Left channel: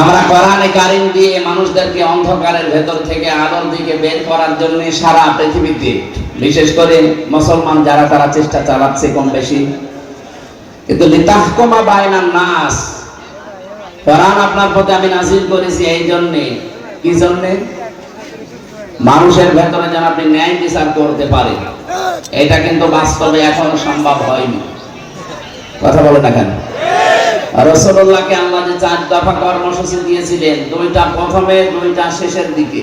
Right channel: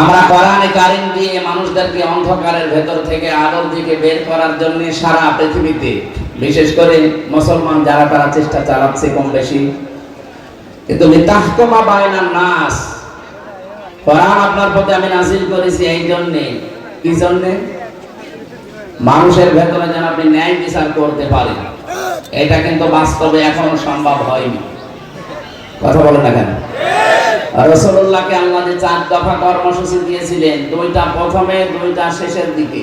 আমরা কোরআনে কারীম দিয়ে মানুষদেরকে অন্ধকারের ভেতর থেকে আলোর দিকে বের করার জন্য সারা পৃথিবীতে বিশেষ করে মুসলমান যারা তারা চেষ্টা চালাচ্ছে কম বেশি, কিন্তু লিতাহকুমা বাইনান নাস, কোরআন আপনার প্রতি আমি নাযিল করেছি এই জন্য, কি জন্য? মানুষের ভেতরে যেন আপনি ন্যায় বিচার করতে পারেন। এটা কিন্তু বাস্তবে এখন সম্ভব হয়নি। কথা বলে না কেন? রাসূলুল্লাহকে আল্লাহ যে 4 দফা কর্মসূচি দিয়েছিলেন, 2টা প্রথমে, 2টা শেষের দিকে,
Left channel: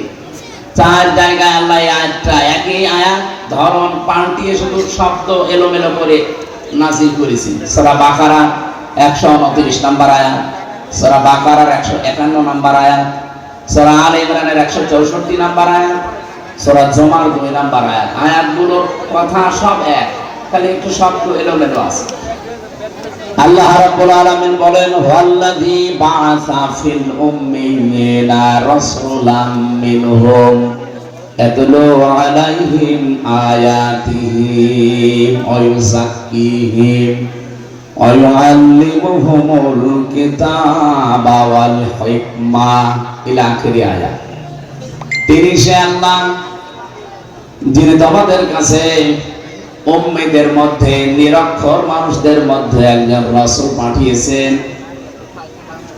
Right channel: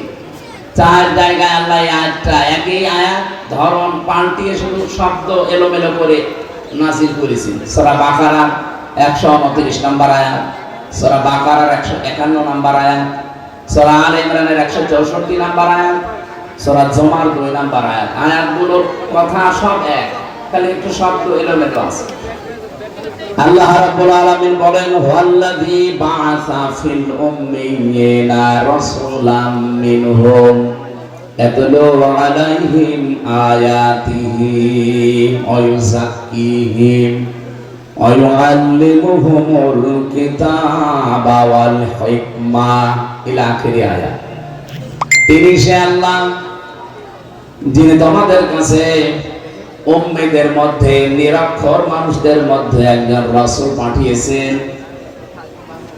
4 জায়গায় আল্লাহ আয়াতটা একই আয়াত ধরন পাল্টিয়ে শুধু শব্দ এলোমেলো করে নাযিল করেছেন। সূরা বাকারা 129 নম্বর আয়াত, সূরা বাকারার 151 নম্বর আয়াত, সূরা আলে ইমরানের 164 নম্বর আয়াত, সূরা জুমার 2 নম্বর আয়াত। আয়াতগুলোর কথা সব এক, খালি একটু শব্দ এলোমেলো আছে। আল্লাহ রাব্বুল আলামিন বলেন, ওয়াল্লাযী বা'আসা ফিল উম্মিয়িনা রাসূলাম মিনহুম ইয়াতলু আলাইহিম আয়াতিহি ওয়া ইউযাক্কিহিম ওয়া ইউআল্লিমুহুমুল কিতাবা ওয়াল হিকমা ইলা আখিরি আয়াত। তিনি সে আল্লাহ যিনি তোমাদের কাছে উম্মীদের মধ্যে, নিরক্ষর মানুষদের মধ্যে একজন রাসূল পাঠিয়েছেন।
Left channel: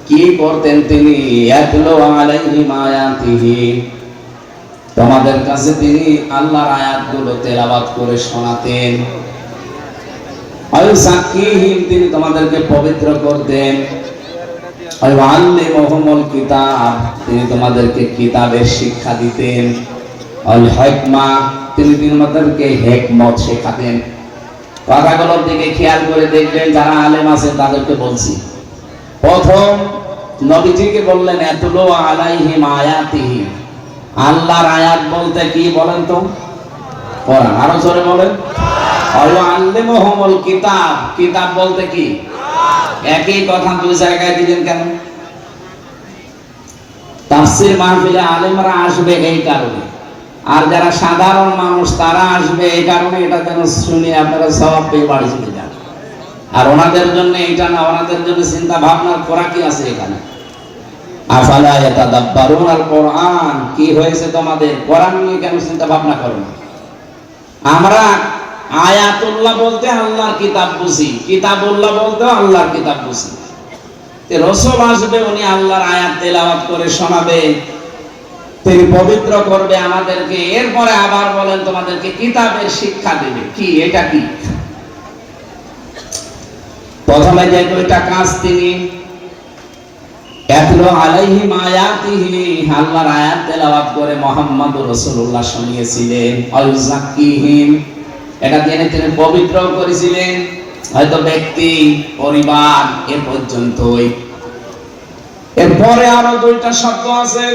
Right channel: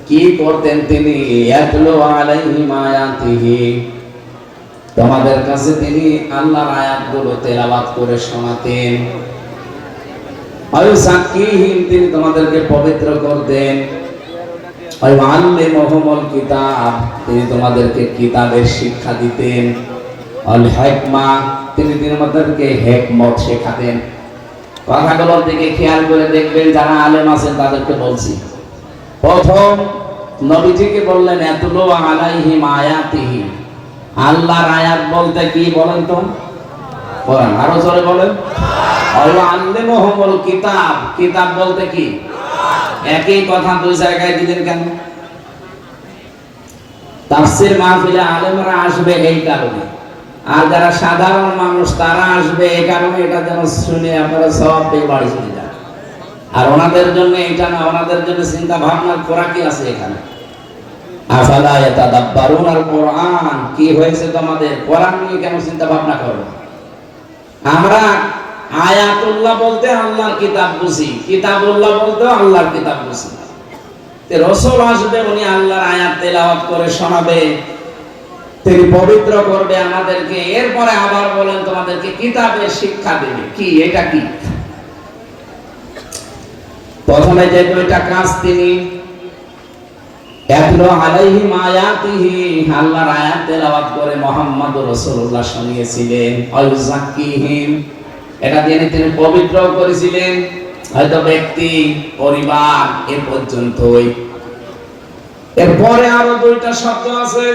কি করতেন তিনি? ইয়াতলু আলাইহিম আয়াতিহি, তোমাদের কাছে তিনি আল্লাহর আয়াতগুলো তেলাওয়াত করে শোনাতেন। ওয়ায়ুযাক্কিহিম, তিনি তোমাদেরকে পবিত্র করতেন। ওয়ায়ুআল্লিমুহুমুল কিতাব, তিনি তোমাদেরকে কিতাবের শিক্ষা দিতেন। আল হিকমা, তিনি তোমাদেরকে হিকমত শেখাতেন। কথাগুলোর দিকে খেয়াল করে দেখবেন, যারা আলেম আছেন তাদেরকে বলছি। প্রথম নবীজিকে বললেন ইয়াতলু আলাইহিম আয়াতিহি, আল্লাহর আয়াত বলতে কি বলেন তো? কোরআন। আরো জোরে বলেন। ওয়ায়ুআল্লিমুহুমুল কিতাব, কিতাব বলতে কি? একই কথা 2 জায়গায় দিলেন কেন? তাফসীর মাহফিলে আলেমরা আসবে এই কারণে, আর যারা সাধারণ মানুষ তারা আসবে এই কারণে, এটা যেন শুনে আপনারা সওয়াব পেয়ে বাড়ি চলে যান। আর ওনাদের জন্য এটা না, ওনাদের জন্য চিন্তা ভাবনার করা কি আছে এখানে? আফালা ইয়াতাদাব্বারুন আল কোরআন, কি হয়েছে তোমাদের? কোরআন নিয়ে কেন চিন্তা ভাবনা করবে? আমরা আয়াতুল্লাহ বলতে আল্লাহর কিতাব বুঝি, কিতাবুল্লাহ বলতে আল্লাহর কিতাব বুঝি। তে রাসূল আসবে, উনি আল্লাহর আয়াত তেলাওয়াত করে শোনাবে, তিনি পবিত্র করবে আমাদেরকে, এরপরে আবার বলেন তোমাদেরকে কিতাবের শিক্ষা দেবে। কি এটা? কি প্রথমে যে 2টা কাজ তিনি ইয়াতলু আলাইহিম আয়াতিহি, আল্লাহর আয়াত তেলাওয়াত করে মুহাম্মদুর রাসূলুল্লাহ শুনিয়েছিলেন। ওয়ায়ুযাক্কিহিম, এটা দিয়ে তিনি পবিত্র করেছিলেন, হয়তো ব্যক্তি, পরিবার, এ পর্যন্তই। এরপরে আরো 2টা শব্দ আছে,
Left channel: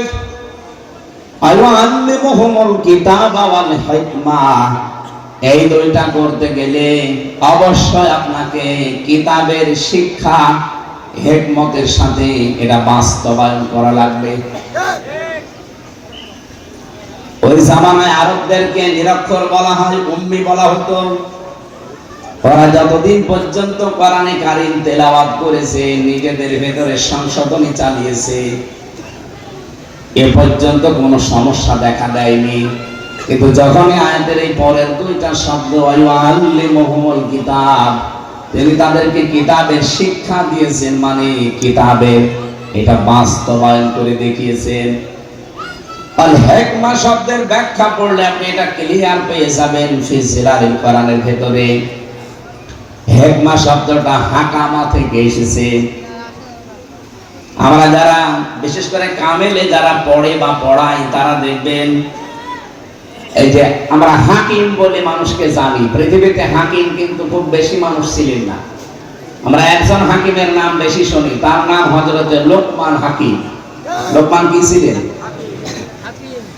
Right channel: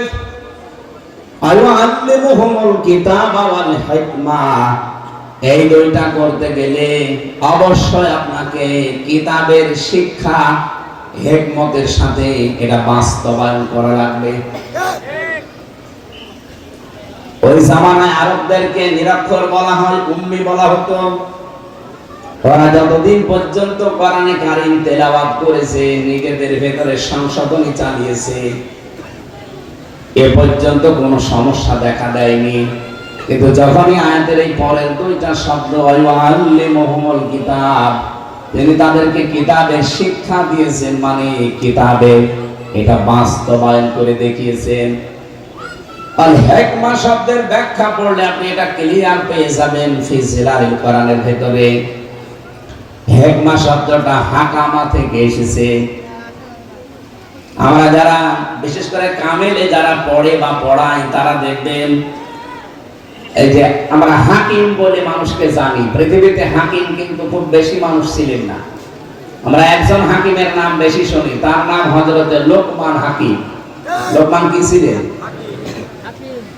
আল্লামুহুমুল কিতাবা ওয়াল হিকমা। এই 2টা করতে গেলে অবশ্যই আপনাকে কিতাবের শিক্ষা হিকমতের সাথে এটা বাস্তবায়ন করা লাগবে। ওই জামানায় আরবদেরকে নিরক্ষর বলা হয়, উম্মি বলা হতো। ওরা যতদিন পর্যন্ত কোরআনে কারীম তেলাওয়াত করেছে, নিজেদের ভেতরে সংশোধনী চালিয়েছে, এ পর্যন্ত কোনো সমস্যা দেখা দেয়নি। কিন্তু যখনই আয়াতের এই পরের 2টা শব্দ ওয়ায়ুআল্লিমুহুমুল কিতাব, তিনি তাদেরকে কিতাবের শিক্ষা দিয়েছেন, মানে কিতাবে এটা বাস্তবায়ন করে দেখিয়েছেন। আল হিকমা শব্দের ব্যাখ্যা পড়লে আপনি এটা ক্লিয়ার পেয়ে যাবেন ফি জিলালিল কোরআনের ভেতরে। হিকমা শব্দটা হাকামা থেকে এসেছে। আমরা যারা বিশেষ করে কামেলে যারা পড়ে বা পড়াই, তারা দেখবেন এই যে আমরা হাকিম বলে মানুষকে জানি, পৃথিবীতে হাকিম কিন্তু খুব বেশি মানুষ ছিলেন না। আমরা একজন হাকিমের নাম বেশি শুনি, তার নাম হযরত লোকমান হাকিম। লোকমান কি ছিলেন?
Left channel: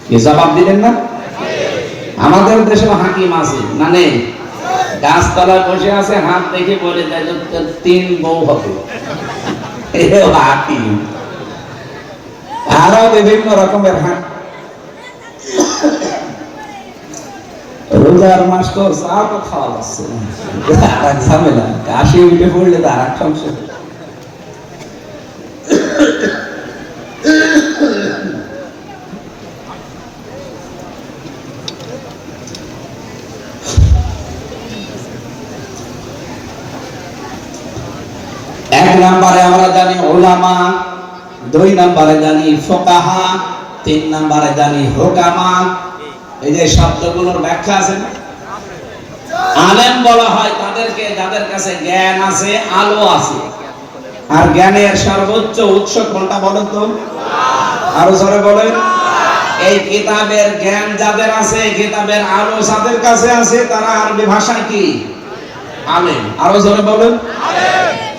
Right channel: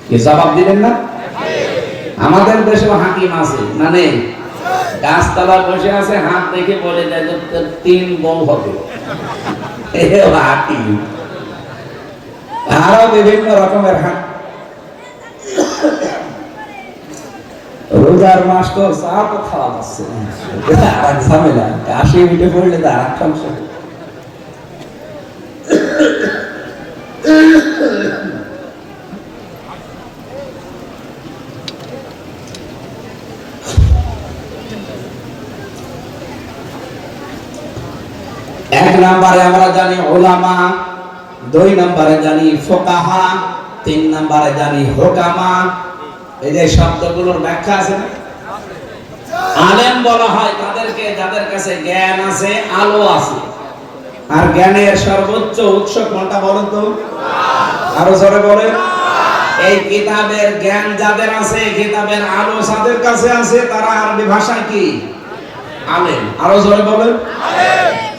কি জবাব দিলেন না? আমাদের দেশেও হাকিম আছে না? নেই? গাছতলায় বসে আছে, হাত দেখে বলে যায় যে 3 বউ হবে, এও হাকিম। আরো বিভিন্ন রকমের রোজার মাস তো চা তো খাওয়া যাচ্ছে, আর ঝামেলা, কাশি মিটে পড়লে তো আর এক সমস্যা। নম্বরে আমরা জানি উলামা, 2 নম্বরে জানি ফুকাহা, 3 নম্বরে জানি হুকামা। এই যে শব্দগুলোর ব্যাখ্যা আছে না? আলেম বলা হয় তাদেরকে যাদের কাছে জ্ঞান আছে, আলো আছে। আর জ্ঞানের সর্বোচ্চ উৎস কোনটা বলেন তো? আরো জোরে বলেন। এই কিতাবের জ্ঞান যাদের আছে, কিতাবের আলো যাদের কাছে আছে, তারা আরবি ভাষায় কি? আলেম। আরো জোরে বলেন।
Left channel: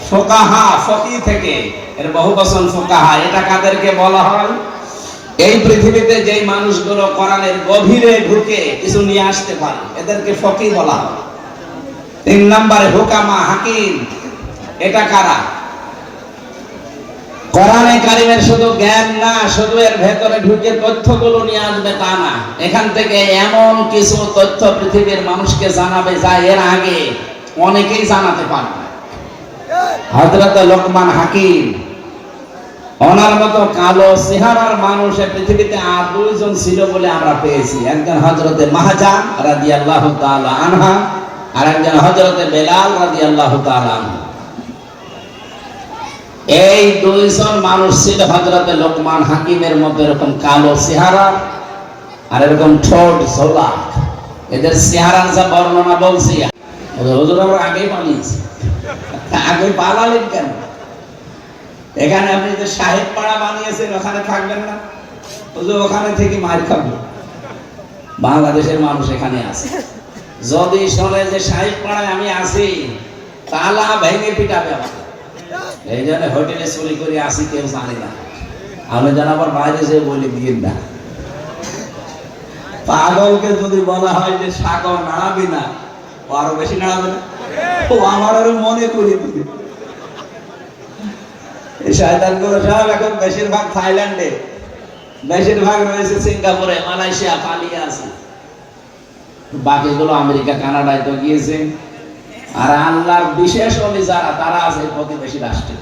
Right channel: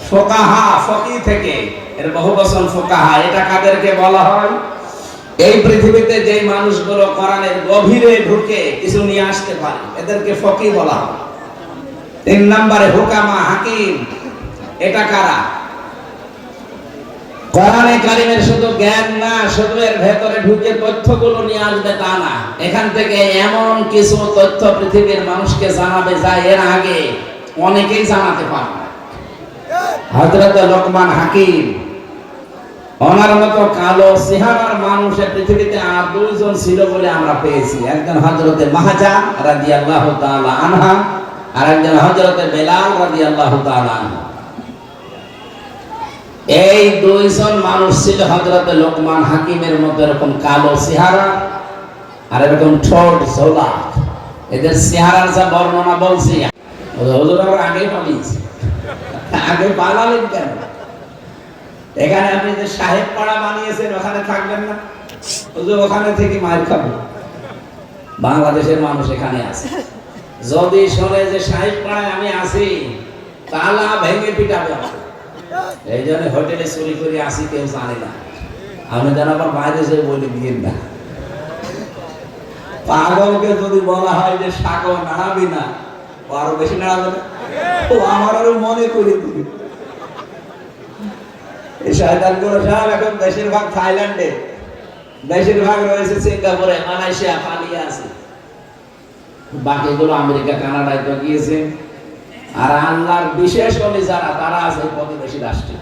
ফুকাহা, ফকি থেকে এর বহুবচন ফুকাহা। এটা কাদেরকে বলা হয়? এই পৃথিবীতে যে মানুষগুলো কোরআনের গভীরে ঢুকে কিছু নিয়ে আসতে পারে, এদেরকে ফকি বলা হয়। 3 নম্বরে হুকামা, হাকিম। এটা কারা? কোরআনে কারিমের শুধু জ্ঞান না, শুধু এর ভেতরে ঢুকে তথ্যগুলো নিয়ে আসবে তা না, এখান থেকে এমন কিছু তথ্য পৃথিবীর মানুষকে জানাবে যা এর আগে অনেকেই জানাতে পারে না। হযরত লোকমান হাকিম, ওনার মতো কালো চেহারার মানুষ পৃথিবীতে আর 2 জন ছিল বলে আমরা পেয়েছি। একজন হযরতে মাহজা রাদিয়াল্লাহু তাআলা আনহা, আর একজন হযরতে বেলাল রাদিয়াল্লাহু তাআলা আনহু। এই 2 জন মানুষ ছিল হযরতে লোকমান হাকিমের মতো এরকম কালো চেহারা আর এরকম ঠোঁট ঝোলা। এদের চেহারার যা বর্ণনা বলছি, হুজুর আমরা আগেই পালিয়েছি। আগে পালালেন কেন? এখানে আপনি যে সাহেব পাড়া বানিয়েছেন ওখানে থাকবেন না? হুজুর ওখানে থেকে মার খাবো। বাংলাদেশের মানুষ এখানে আছে, যদি শোনে যে সাহেব পাড়ায় আমি আছি, তালা ভেঙে পিটাবে। এই জন্য হোটেলে চুরি করে আসি, কেউ জানে না। আমি যেন আবার বাইরে যে বলে দিয়ে না। পাগলকে যদি বলা হয় যে সাগর নাড়াবি না, ও আরো বেশি নাড়াবে না, ও আমার আরো মনে করে দিবে। এই শয়তানগুলো সব এখন বেশিরভাগ থাইল্যান্ডে, বেশিরভাগ রয়েছে সিঙ্গাপুরে, মালয়েশিয়া, পালিয়ে আছে। বাকিগুলো আমেরিকা, কানাডায় তো গিয়েছে। আর আল্লাহর বিশেষ ওলি যারা, তারা আছে প্রতিবেশী রাষ্ট্রে।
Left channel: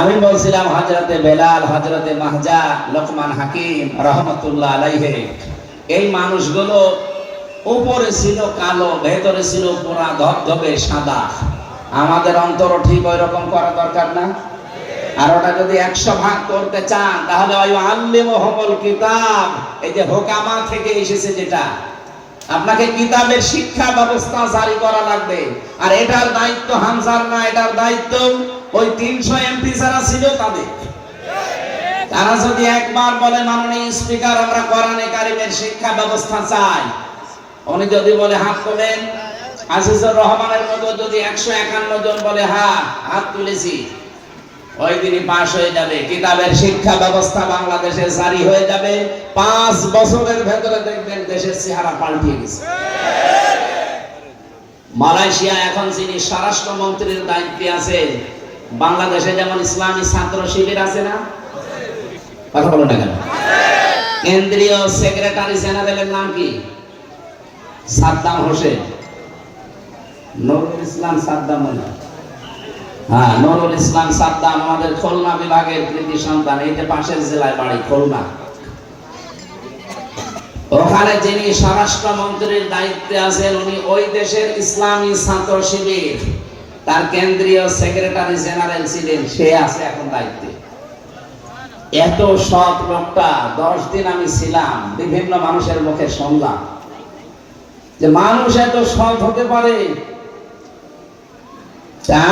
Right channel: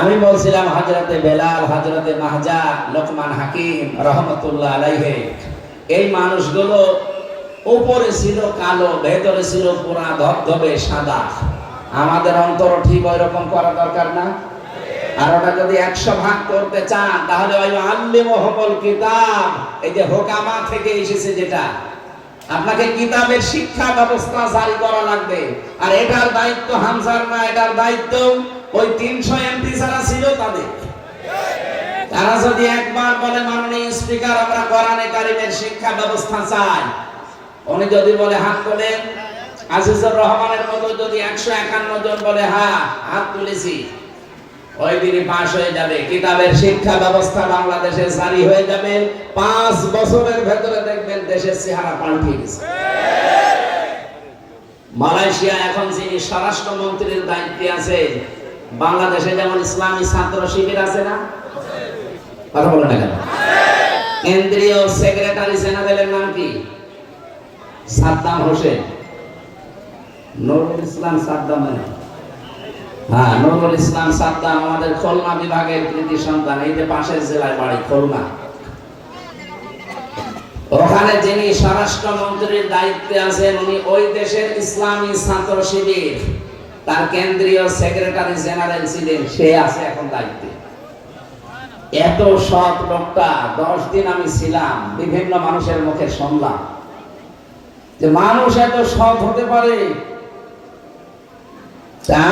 আমি বলছিলাম হযরতে বেলাল, হযরতে মাহজা, লোকমান হাকিম রাহমাতুল্লাহ আলাইহি, এই মানুষগুলো উপরে ছিল কালো, ভেতরে ছিল পুরা ধবধবে সাদা। আমাদের অন্তর ঠিক ওই রকম করা দরকার না? আর ওটা যদি 100 ভাগ করতে চান, তাহলে ওই আল্লিমুহুমুল কিতাব, এই যে হুকামা থেকে এসেছে, যেটা আপনাকে কিতাবের শিক্ষা ব্যবস্থা জারি করা লাগবে। আর এটার দায়িত্ব হামজার না, এটার দায়িত্ব ওই 300 এমপি যারা ছিল তাদের। তারা যদি একবার বলে মাননীয় স্পিকার আমরা কোরআনে কারিমের শিক্ষা ব্যবস্থা চাই, উনি যদি বলে হাত তোলেন, আজিজুর রহমানের মতো যদি 151 জন বলে হ্যাঁ হাত তুলেছি, ওই দিনই পাশ হয়ে যাবে। কিতাবের শিক্ষা ব্যবস্থা বাংলাদেশে জারি হয়ে যাবে। 5 বছরের ভেতরে দেখবেন দেশের চেহারা পাল্টে গেছে। মালয়েশিয়া এখন যিনি স্বরাষ্ট্রমন্ত্রীর দায়িত্বে আছে, বাংলাদেশে যেমন ইসলামী ছাত্র শিবির আছে না? কথা বলো না কেন? কেন্দ্রীয় সেক্রেটারি জেনারেলের নাম কি? সাদ্দাম হোসেন, নুরুল ইসলাম সাদ্দাম। হ্যাঁ, নুরুল ইসলাম সাদ্দাম আমাদের খুলনা বিভাগের কৃতি সন্তান। এই যে পাশের জেলায় বাড়ি খুলনা। ওখানে যিনি স্বরাষ্ট্রমন্ত্রীর দায়িত্বে আছেন, উনি ওই দেশের ইসলামী ছাত্র শিবির, তার কেন্দ্রীয় সেক্রেটারি জেনারেল ছিলেন। সে আছে এখন দায়িত্বে। এত সৎ লোকটা, 10 দিন আমি ছিলাম, বিভিন্ন মানুষের মুখে শুনলাম যে মানুষ এত সৎ হতে পারে।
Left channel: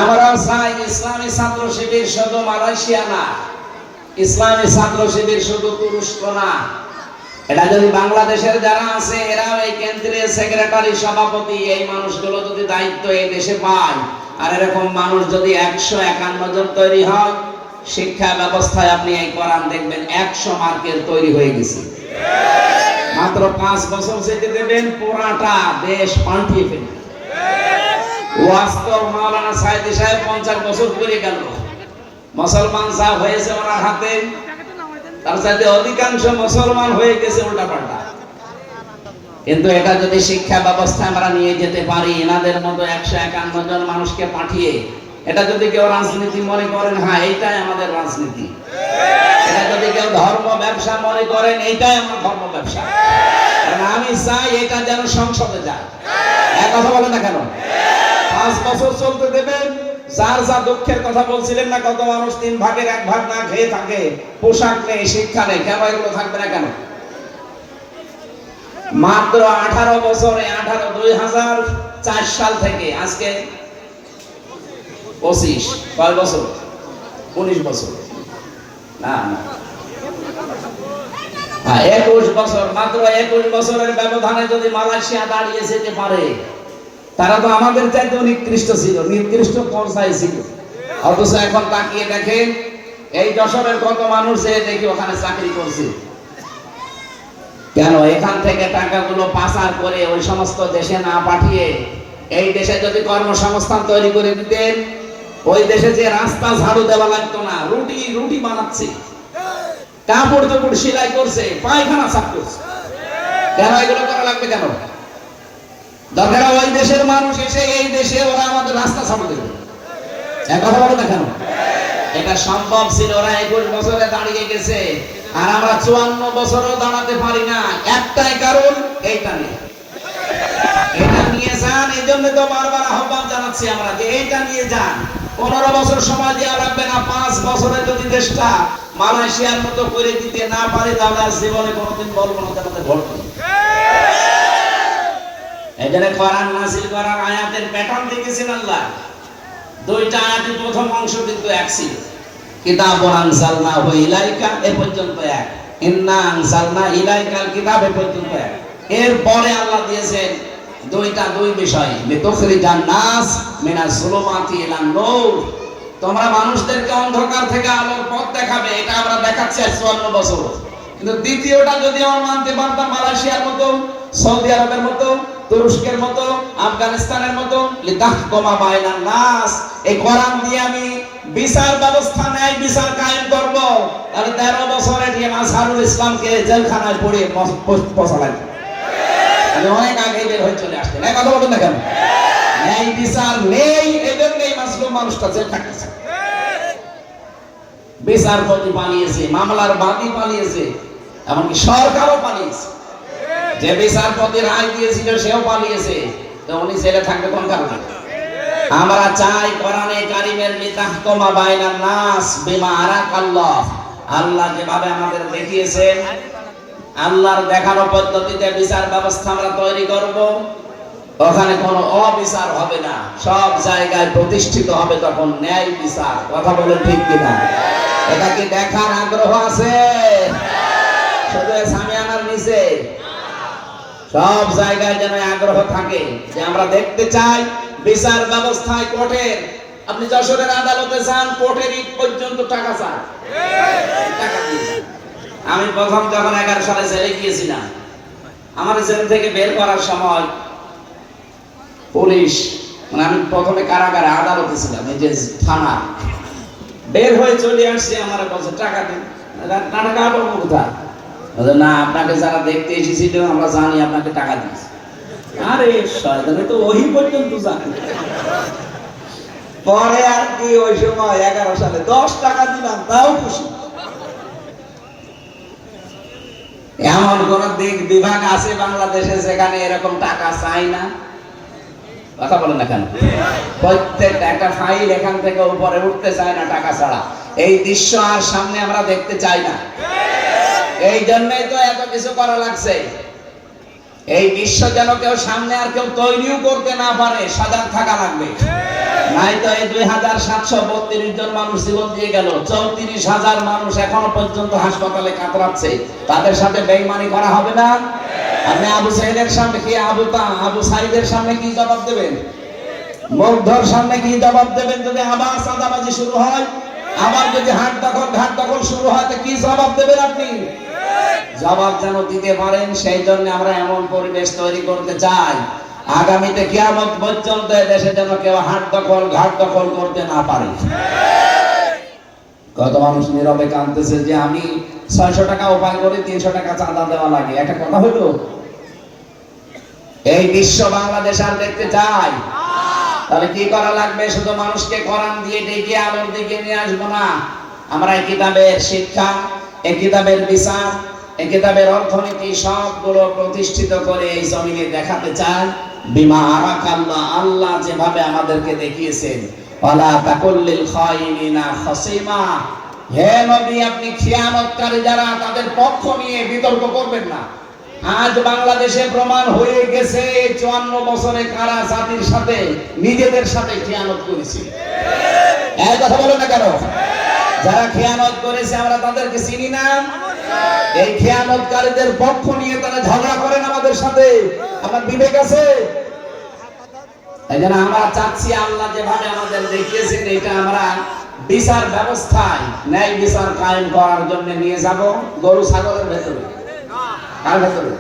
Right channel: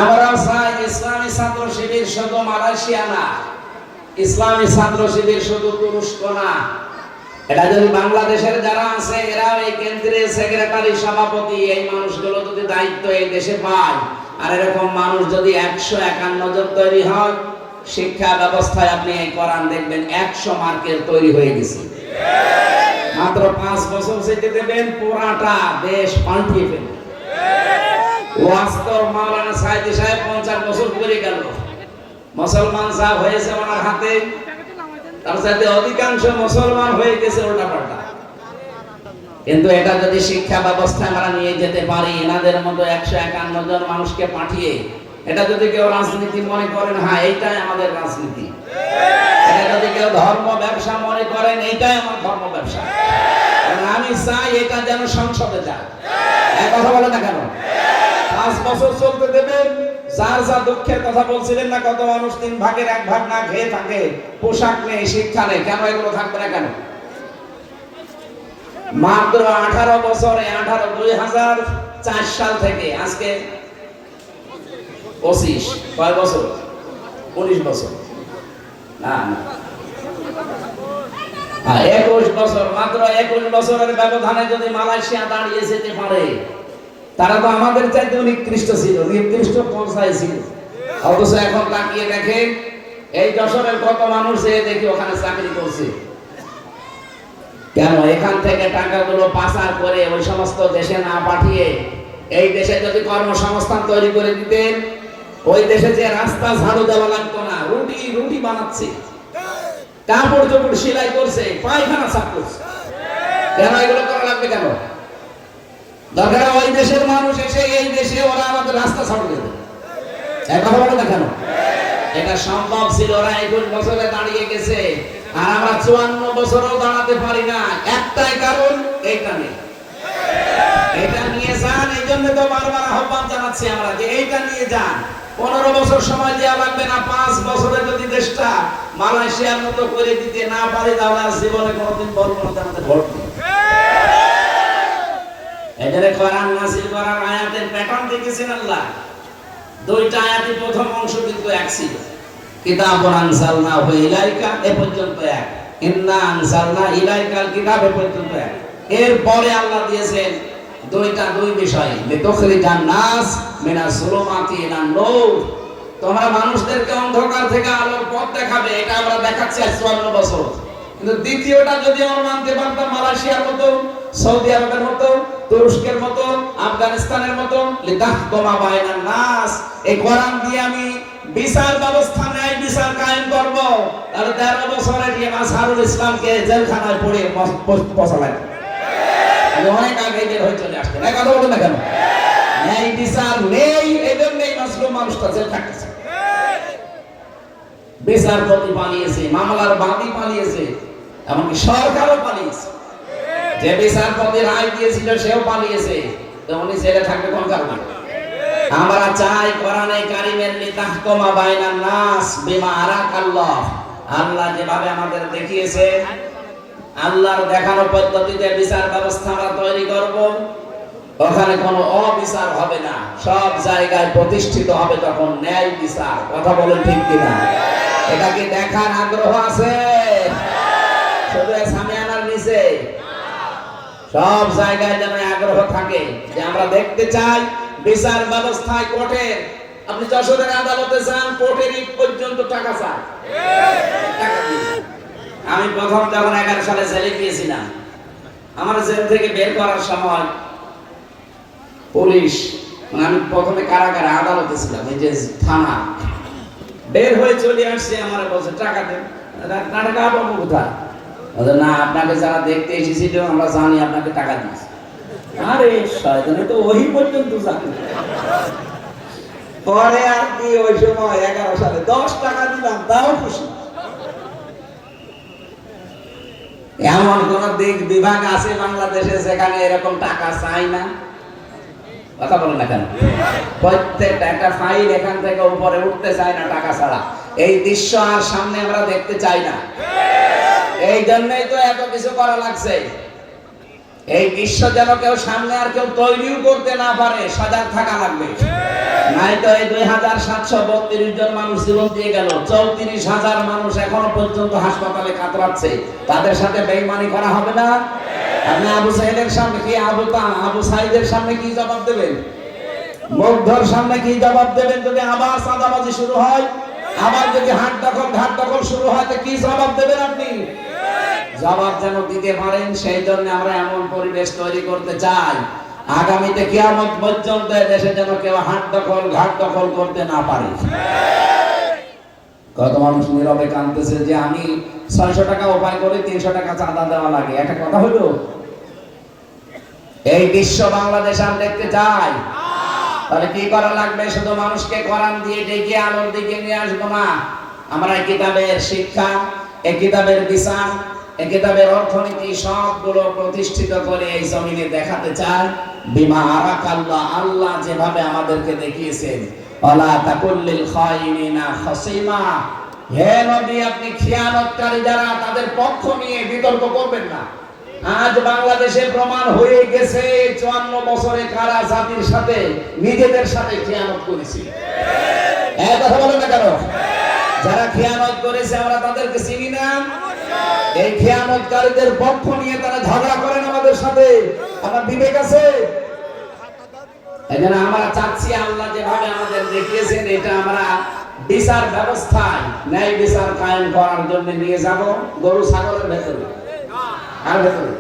আমরা চাই ইসলামী ছাত্র শিবির শুধু মালয়েশিয়া না, ইসলামী ছাত্র শিবির শুধু তুরস্ক না, এটা যদি বাংলাদেশের যারা আছে এরাও এই কেন্দ্রীয় সেক্রেটারি, সভাপতি, এই মানুষগুলো যদি দায়িত্ব এই দেশে পায়, আর এরকম মানুষ যদি 151 জন তৈরি হয়, শিক্ষা ব্যবস্থায় আপনি এই কোরআন দেখবেন 100 মার্কের তৈরি হয়ে গেছে। মাত্র 5 বছর যেতে দেবেন, পুরাটা দেশ পাল্টিয়ে ফেলবে। ওয়াস্তব মাওলানা সাইদি সাহেব 50 বছর করে গেল, মুসলমান যা হয়েছে ওনার হাতে, তার সাথে অধিকাংশ মুসলমান হয়ে গেছে উল্টাপাল্টা। কিন্তু এটা যদি শিক্ষা ব্যবস্থায় আমরা নিয়ে যেতে পারি, এনাদের মতো 151 জন মানুষকে পাঠিয়ে, এটা যদি কেউ রাজনীতি মনে করেন, হ্যাঁ এইটাই আমাদের রাজনীতি। এটা যদি কেউ ধর্ম ব্যবসা মনে করেন, এইটাই আমার ধর্ম ব্যবসা। আমি চাই এটা যেন সংসদে যায়। এক কথা বলে না কেন? 5 বছর চলতে দেবে, যার যা দুঃখের কথা বলছিলেন না, কত মানুষ 3 ভাগের 1 ভাগ না খেয়ে থাকে, পোশাক নেই, শিক্ষা নেই, কেন এগুলো থাকবে না কেন? মাত্র 18 বছরে 2004 সাল থেকে আজকে 25 কয় বছর, 19 বছর না 21 বছর, মাত্র 21 বছরের ব্যবধানে যদি মালয়েশিয়া দাঁড়িয়ে যেতে পারে, তারা তো আমাদের চাইতে নিকৃষ্ট ছিল, নিকৃষ্ট পর্যায়ে ছিল। অথচ এখন তাকিয়ে দেখেন এই যশোরের কত মানুষ দেখি ওখানে চাকরি করছে। কেন? এখান থেকে টাকাগুলো পাচার করে ওই সমস্ত দেশে না পাঠিয়ে এই দেশে যদি কর্মসংস্থান তৈরি করে দিতেন, ওই দেশে যে রাস্তা ঝাড়ু দেওয়া লাগতো না, রুটি বানাচ্ছে, কাপড় চোপড় সেলাই করছে, পায়খানা সাফ করছে, কেন এগুলো করা লাগবে কেন? দরকার ওই দেশের মানুষ এসে এই দেশে ওরা আমাদের রাস্তা ঝাড়ু দেবে, কথা বলে না কেন? এটা সম্ভব ছিল। ওরা 21 বছরে দাঁড়িয়ে গেছে, আর আমরা 54 বছরও দাঁড়াতে পারি না। একটাই কারণ, এইটা নিয়ে যান। এই জন্য তো বারবার আহ্বান জানাচ্ছি আমরা যে এইটা নিয়ে যান। 15 বছর সময় দেওয়া লাগবে না, 5 বছরে যদি দেশটা মালয়েশিয়ার মতো করে দিতে না পারি, তাহলে আর জীবনে কোনোদিন বলবো না আমাদের ভোট নেই। এখানে কোরআন নাযিল করার আয়াতের প্যাটার্ন দেখেছেন আল্লাহ। 2টা আয়াতের প্রথম অংশ কিন্তু এক ছিল, কিতাবুন আনজালনাহু ইলাইকা এ পর্যন্ত এক, ইন্না আনজালনা ইলাইকাল কিতাব এ পর্যন্ত এক। এরপরে আল্লাহ দিয়েছেন দুই বিষয়, লিতুখরিজান নাস মিনাজ যুলুমাতি ইলান নূর, তোমরা মানুষদেরকে অন্ধকার থেকে আলোর পথ দেখাবে। এটা আমরা দেখাচ্ছি 54 বছর। কিন্তু দ্বিতীয়টা যদি আমরা মানতে পারতাম, মালয়েশিয়ার মতো, সৌদি আরবের মতো, তুরস্কের মতো, আফগানিস্তানের মতো, লিতাহকুমা বাইনান নাস, এই কোরআন দিয়ে আমি বিচার ব্যবস্থা, ন্যায় বিচার কায়েম করব, তাহলে 13 বছরের মাযহারুল ইসলামকে জেলখানায় পড়ে পচালেন। আমি অনেক আগে বের হয়ে চলে আসতেন, এই কথা বলবেন না কেন? ন্যায় বিচার নেই, এজন্যই মাসলুম মানুষটা জেল থাকতেছে। বিচারপতি পালিয়েছে, মামলার বাদী পালিয়েছে, এমনকি সরকারও পালিয়েছে। যে বিচারপতি রায় দিয়েছিল সেও পালিয়েছে, তো উনি জেলে থাকবে কোন কারণে? আমরা চাই কোরআনে কারিমের লিতাহকুমা বাইনান নাস বিমা আরাকাল্লাহ, আল্লাহ যেভাবে আমাদের দেখিয়েছেন, আল্লাহর দেখানো পদ্ধতিতে বিচার ব্যবস্থা আমরা তৈরি করব। ওখানে কোনো অবিচার হবে না, সব জায়গায় প্রতিষ্ঠিত হবে তখন ন্যায় বিচার। কথা বলেন ঠিক কিনা? এটা কি দেখার আগ্রহ আছে? শুধু সামিয়ানার নিচে সব জায়গায় যেন আগ্রহ থাকে যে আমরা দেখতে চাই বিচার ব্যবস্থায় কোর্টের, আপনি যশোরের আদালতে যান, কোর্টের ইট পর্যন্ত টাকা চায়। আমি প্রথম যখন 11 সালে জেলে গিয়েছিলাম, আমার জেল থেকে বের করার সময় পুলিশ, মানে আমি প্রথমে কারাগারে আদালতে ছিলাম, এই যে থানা, বের হয়ে চলে আসছে, আমার বলছে টাকা দেন। টাকা পাবো কোথায়? না, আপনাকে যারা দেখতে এসেছিল আমরা জানি আপনাকে টাকা দিয়েছে। আরে শয়তানে তো ওই পর্যন্ত জানে। পরে আর কি ওই সময় 11 সালে 10 টাকা দিলাম, তাও খুশি। এমন কোন দিক বিভাগ আছে বাংলাদেশে যেখানে এরকম টাকা চাই না? কথা বলেন না কেন? প্রত্যেকটা একটা ফাইল এখান থেকে উপরে উঠতে চায় না টাকা ছাড়া। এই দৃশ্য আর সামনে আমরা দেখতে চাই না। এই জন্যই তো এত কিছু করা লাগছে। এই দৃশ্য যেন কেউ সামনে আর কেউ তৈরিও করতে না পারে, সজাগ থাকা লাগবে। নাই তো এই 2732 জন মানুষ জীবন দিয়ে গেল, 34,000 মানুষ এখনো পর্যন্ত হাসপাতালে কাতরাচ্ছে। তাদের সাথে বেঈমানি করা হবে না? আপনি আবু সাইদের সামনে কি, আবু সাইদের সামনে কি জবাব দেবেন? মুগ্ধর সামনে কি জবাব দেবেন যদি আবার চাঁদাবাজি শুরু হয়? আবার যদি হাট দখল শুরু হয়, তো কি জবাব দেবেন আপনি? জবাব যেন দিতে পারেন, সেই জন্য আমরা এমন পরিবেশ তৈরি করতে চাই আগামীতে কিয়ামত পর্যন্ত দেশে যেন কেউ হাট দখল ঘাট দখল করতে না পারে। কত মানুষ নীরবে কাঁদতেছে যে আমি 600 টাকা উপায় করে 300 টাকা চাঁদা দেওয়া লাগে। একটা কথা হলো, এই বিশ্ব বাংলাদেশ আর দেখতে চাই। তাহলে কি করা লাগবে? শুধু মানুষকে কোরআন দিয়ে ডেকে আলোর দিকে নিয়ে আসবো না। আমরা এই কিতাবের শিক্ষা, এই কিতাবের বিচার, এই কিতাবের অর্থনীতি সবগুলো প্রতিষ্ঠিত করে এই জমিনে দেখাতে চাই বিমা আরাকাল্লাহ, আল্লাহ যেভাবে আমাদেরকে দেখিয়েছেন ওয়ালা তাকুল লিল খায়িনিনা খাসিমা, হে নবী আপনি খিয়ানতকারী যারা তাদের পক্ষ নিয়ে বিতর্ক করবেন না। আজ বাংলাদেশে প্রমাণ হয়ে গেছে 54 বছরে কারা জাতির সাথে নিজেদের সাথে খিয়ানত করেছে। এই কথা বলো না কেন? যারা খিয়ানত করেছে আমরা তাদেরকে চিনি না? এই খিয়ানতকারীদের পক্ষ নিয়ে তারা ঝগড়া করেন আমাদের সাথে। আমার বিবেক আছে? এইজন্য আমরা চাচ্ছি আল্লাহ যেভাবে আমাদের দেখিয়েছেন এটা আমরা বিচার ব্যবস্থায় ন্যায় বিচার কায়েম করার জন্য নিয়ে যাব গরু ছাগলের ভেতরে। কার ভেতরে?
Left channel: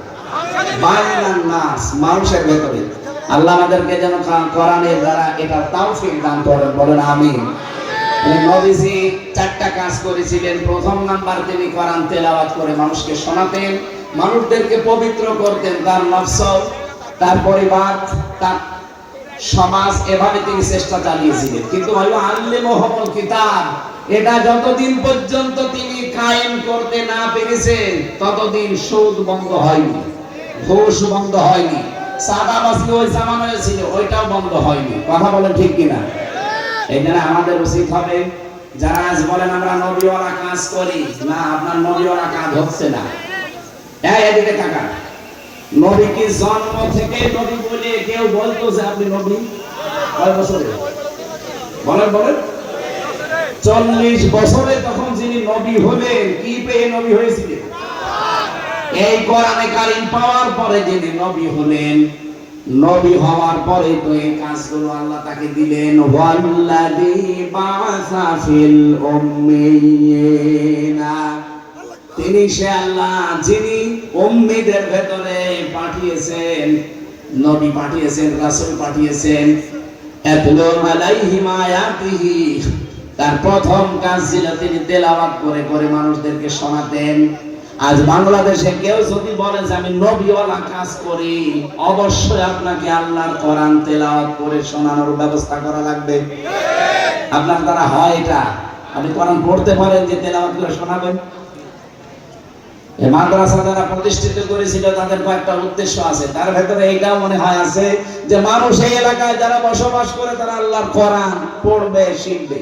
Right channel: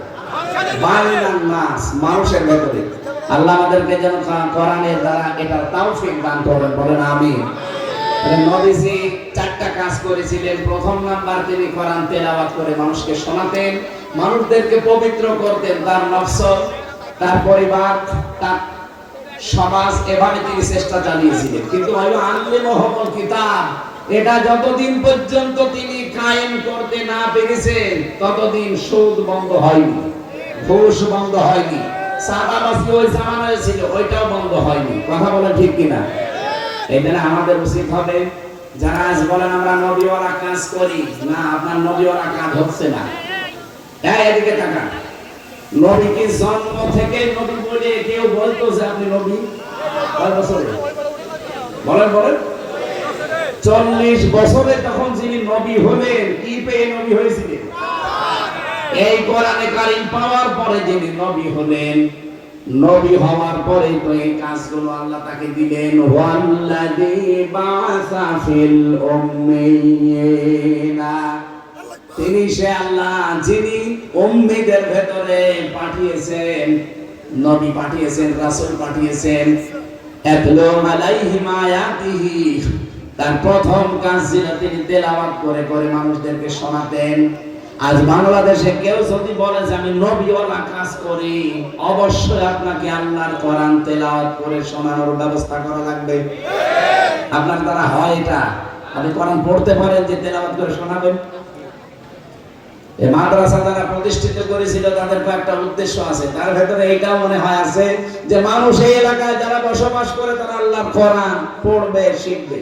বাইনান নাস, মানুষের ভেতরে। আল্লাহ আমাদেরকে যেন কোরআনের দ্বারা এটা তৌফিক দান করেন, বলেন আমিন। নবীজি 4টা কাজ করেছিলেন। প্রথম নাম্বার, তিনি কোরআন তেলাওয়াত করে মানুষকে শোনাতেন, মানুষদেরকে পবিত্র করতেন, তার নফস, তার পরিবার, তার সমাজ, এভাবে তিনি চেষ্টা চালিয়েছিলেন। কিন্তু ভাই আল্লিমুহুল কিতাব, এটা যতদিন পর্যন্ত তিনি কায়েম করতে না পেরেছেন ততদিন সুদ বন্ধ হয়নি, ঘুষ বন্ধ হয়নি, চাঁদাবাজি ওই জামানায় ছিল ওইটাও বন্ধ হয়নি। কথা বলেন ঠিক কিনা? এখানে আমাদের উচিত হবে, যারা আজ বলেন আমরা নবীওয়ালা কাজ করি না, আপনার নবীওয়ালা কাজ হচ্ছে না। এদিকে তাকান, নবীকে জন্ম থেকে নবী বলে কেউ বলতো যে আপনি নবী? কয় বছরে বলেন? বলেন 40 বছরে তখন যিনি নবী হলেন, কি পেয়ে নবী হয়েছিলেন? এই কোরআনে কারীম পাওয়ার পরে যিনি নবী হলেন, নবী হওয়ার পরে তো এই কাজগুলো আল্লাহ তাকে দিলেন। ওয়াল্লাযী বা'আসা ফিল উম্মিয়িনা, তিনি সে আল্লাহ যিনি উম্মীদের ভেতরে পাঠিয়েছেন, নবী পাঠিয়েছেন, রাসূল পাঠিয়েছেন। ইয়াতলু আলাইহিম আয়াতিহি, তার প্রথম কাজ ছিল তিনি তেলাওয়াত করে করে মানুষদেরকে শোনাতেন। আজ বাংলাদেশে কেউ যদি বলে যে আমি নবীওয়ালা কাজ করি, অবশ্যই আপনাকে আল্লাহর কোরআন তেলাওয়াত করে শোনানোর ব্যবস্থা করা লাগবে। আপনার দ্বারা হয় এটা? আপনি কোরআন পড়তে পারেন যে তেলাওয়াত করে শোনাবেন? এই মাদ্রাসা যারা প্রতিষ্ঠিত করেছিল তাদের কয়েকটা উদ্দেশ্য আছে, তার ভেতরে এইটাও মনে হয় আছে যে মানুষ এই এলাকায় যারা বসবাস করে তারা আল্লাহর কোরআন পড়বে, শিখবে,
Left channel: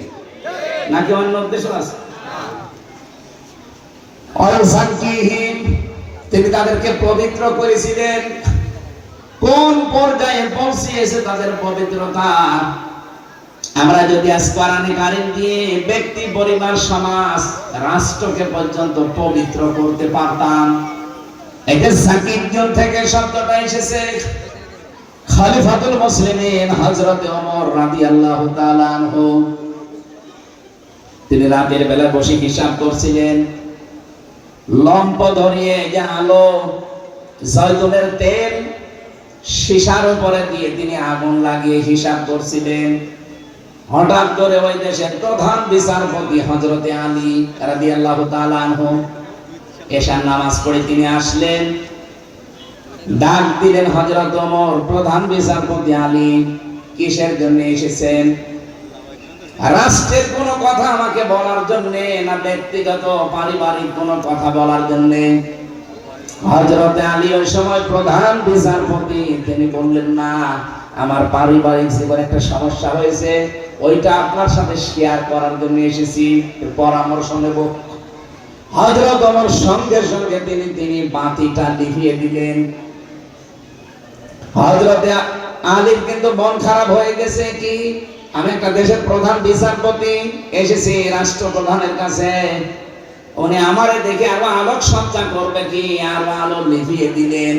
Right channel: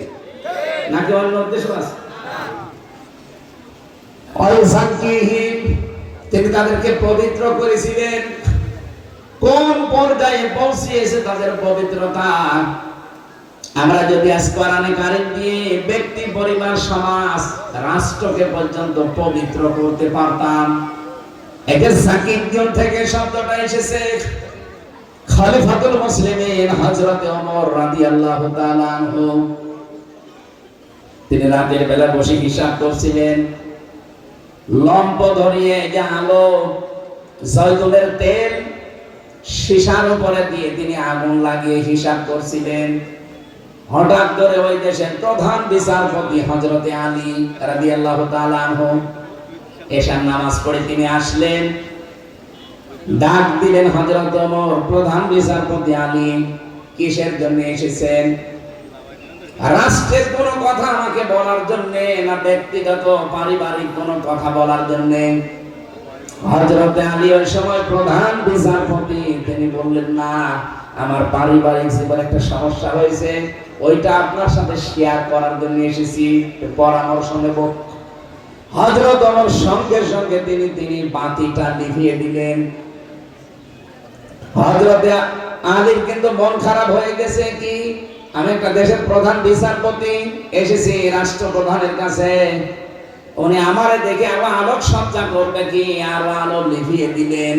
নাকি অন্য উদ্দেশ্য আছে? তিনি তাদেরকে পবিত্র করেছিলেন। কোন পর্যায়ে পৌঁছিয়েছে তাদের পবিত্রতা? আমরা যদি আজ কোরআনে কারীম দিয়ে ব্যক্তি, পরিবার, সমাজ, রাষ্ট্রকে পর্যন্ত পবিত্র করতে পারতাম। এটা সাকিব যুগ থেকে শব্দটা এসেছে। খলিফাতুল মুসলিমিন হযরত ওমর রাদিয়াল্লাহু তাআলা আনহু, তিনি রাতের বেলা বসে হিসাব করছিলেন। লম্প ধরিয়ে যে আলো, জয়তুনের তেল সীসার উপরে দিয়ে তিনি আগুন লাগিয়ে হিসাব করছিলেন। হঠাৎ করে ওই দেশের প্রধান বিচারপতি হযরতে আলী রাদিয়াল্লাহু তাআলা আনহু এশার নামাজ পড়ে তিনি আসলেন। ডাক দিলেন, হযরত ওমর, প্রধান বিচারপতি আলী কিসের জন্য এসেছেন? রাষ্ট্রের কোনো কথা আমাকে বলার জন্য, না ব্যক্তিগত পারিবারিক কোনো কথা বলার জন্য? হযরতে আলী ওই সময় প্রধান বিচারপতি, তিনি বললেন, না, আমার পারিবারিক জীবনে একটা সমস্যা হয়েছে, ওইটা আপনার সাথে শেয়ার করার জন্য এসেছি, পরামর্শ নেব। হযরত ওমর সঙ্গে সঙ্গে তিনি বাতিটা নিভিয়ে দিলেন। হযরতে আলীর কিন্তু মন খারাপ হয়ে গেছে, কি আমি একটা দেশের প্রধান বিচারপতি এসেছি রাষ্ট্রপ্রধানের কাছে, উনি আমারে দেখে আবার আলোক সজ্জা করবে কি, আর আলো নিভিয়ে দিলেন।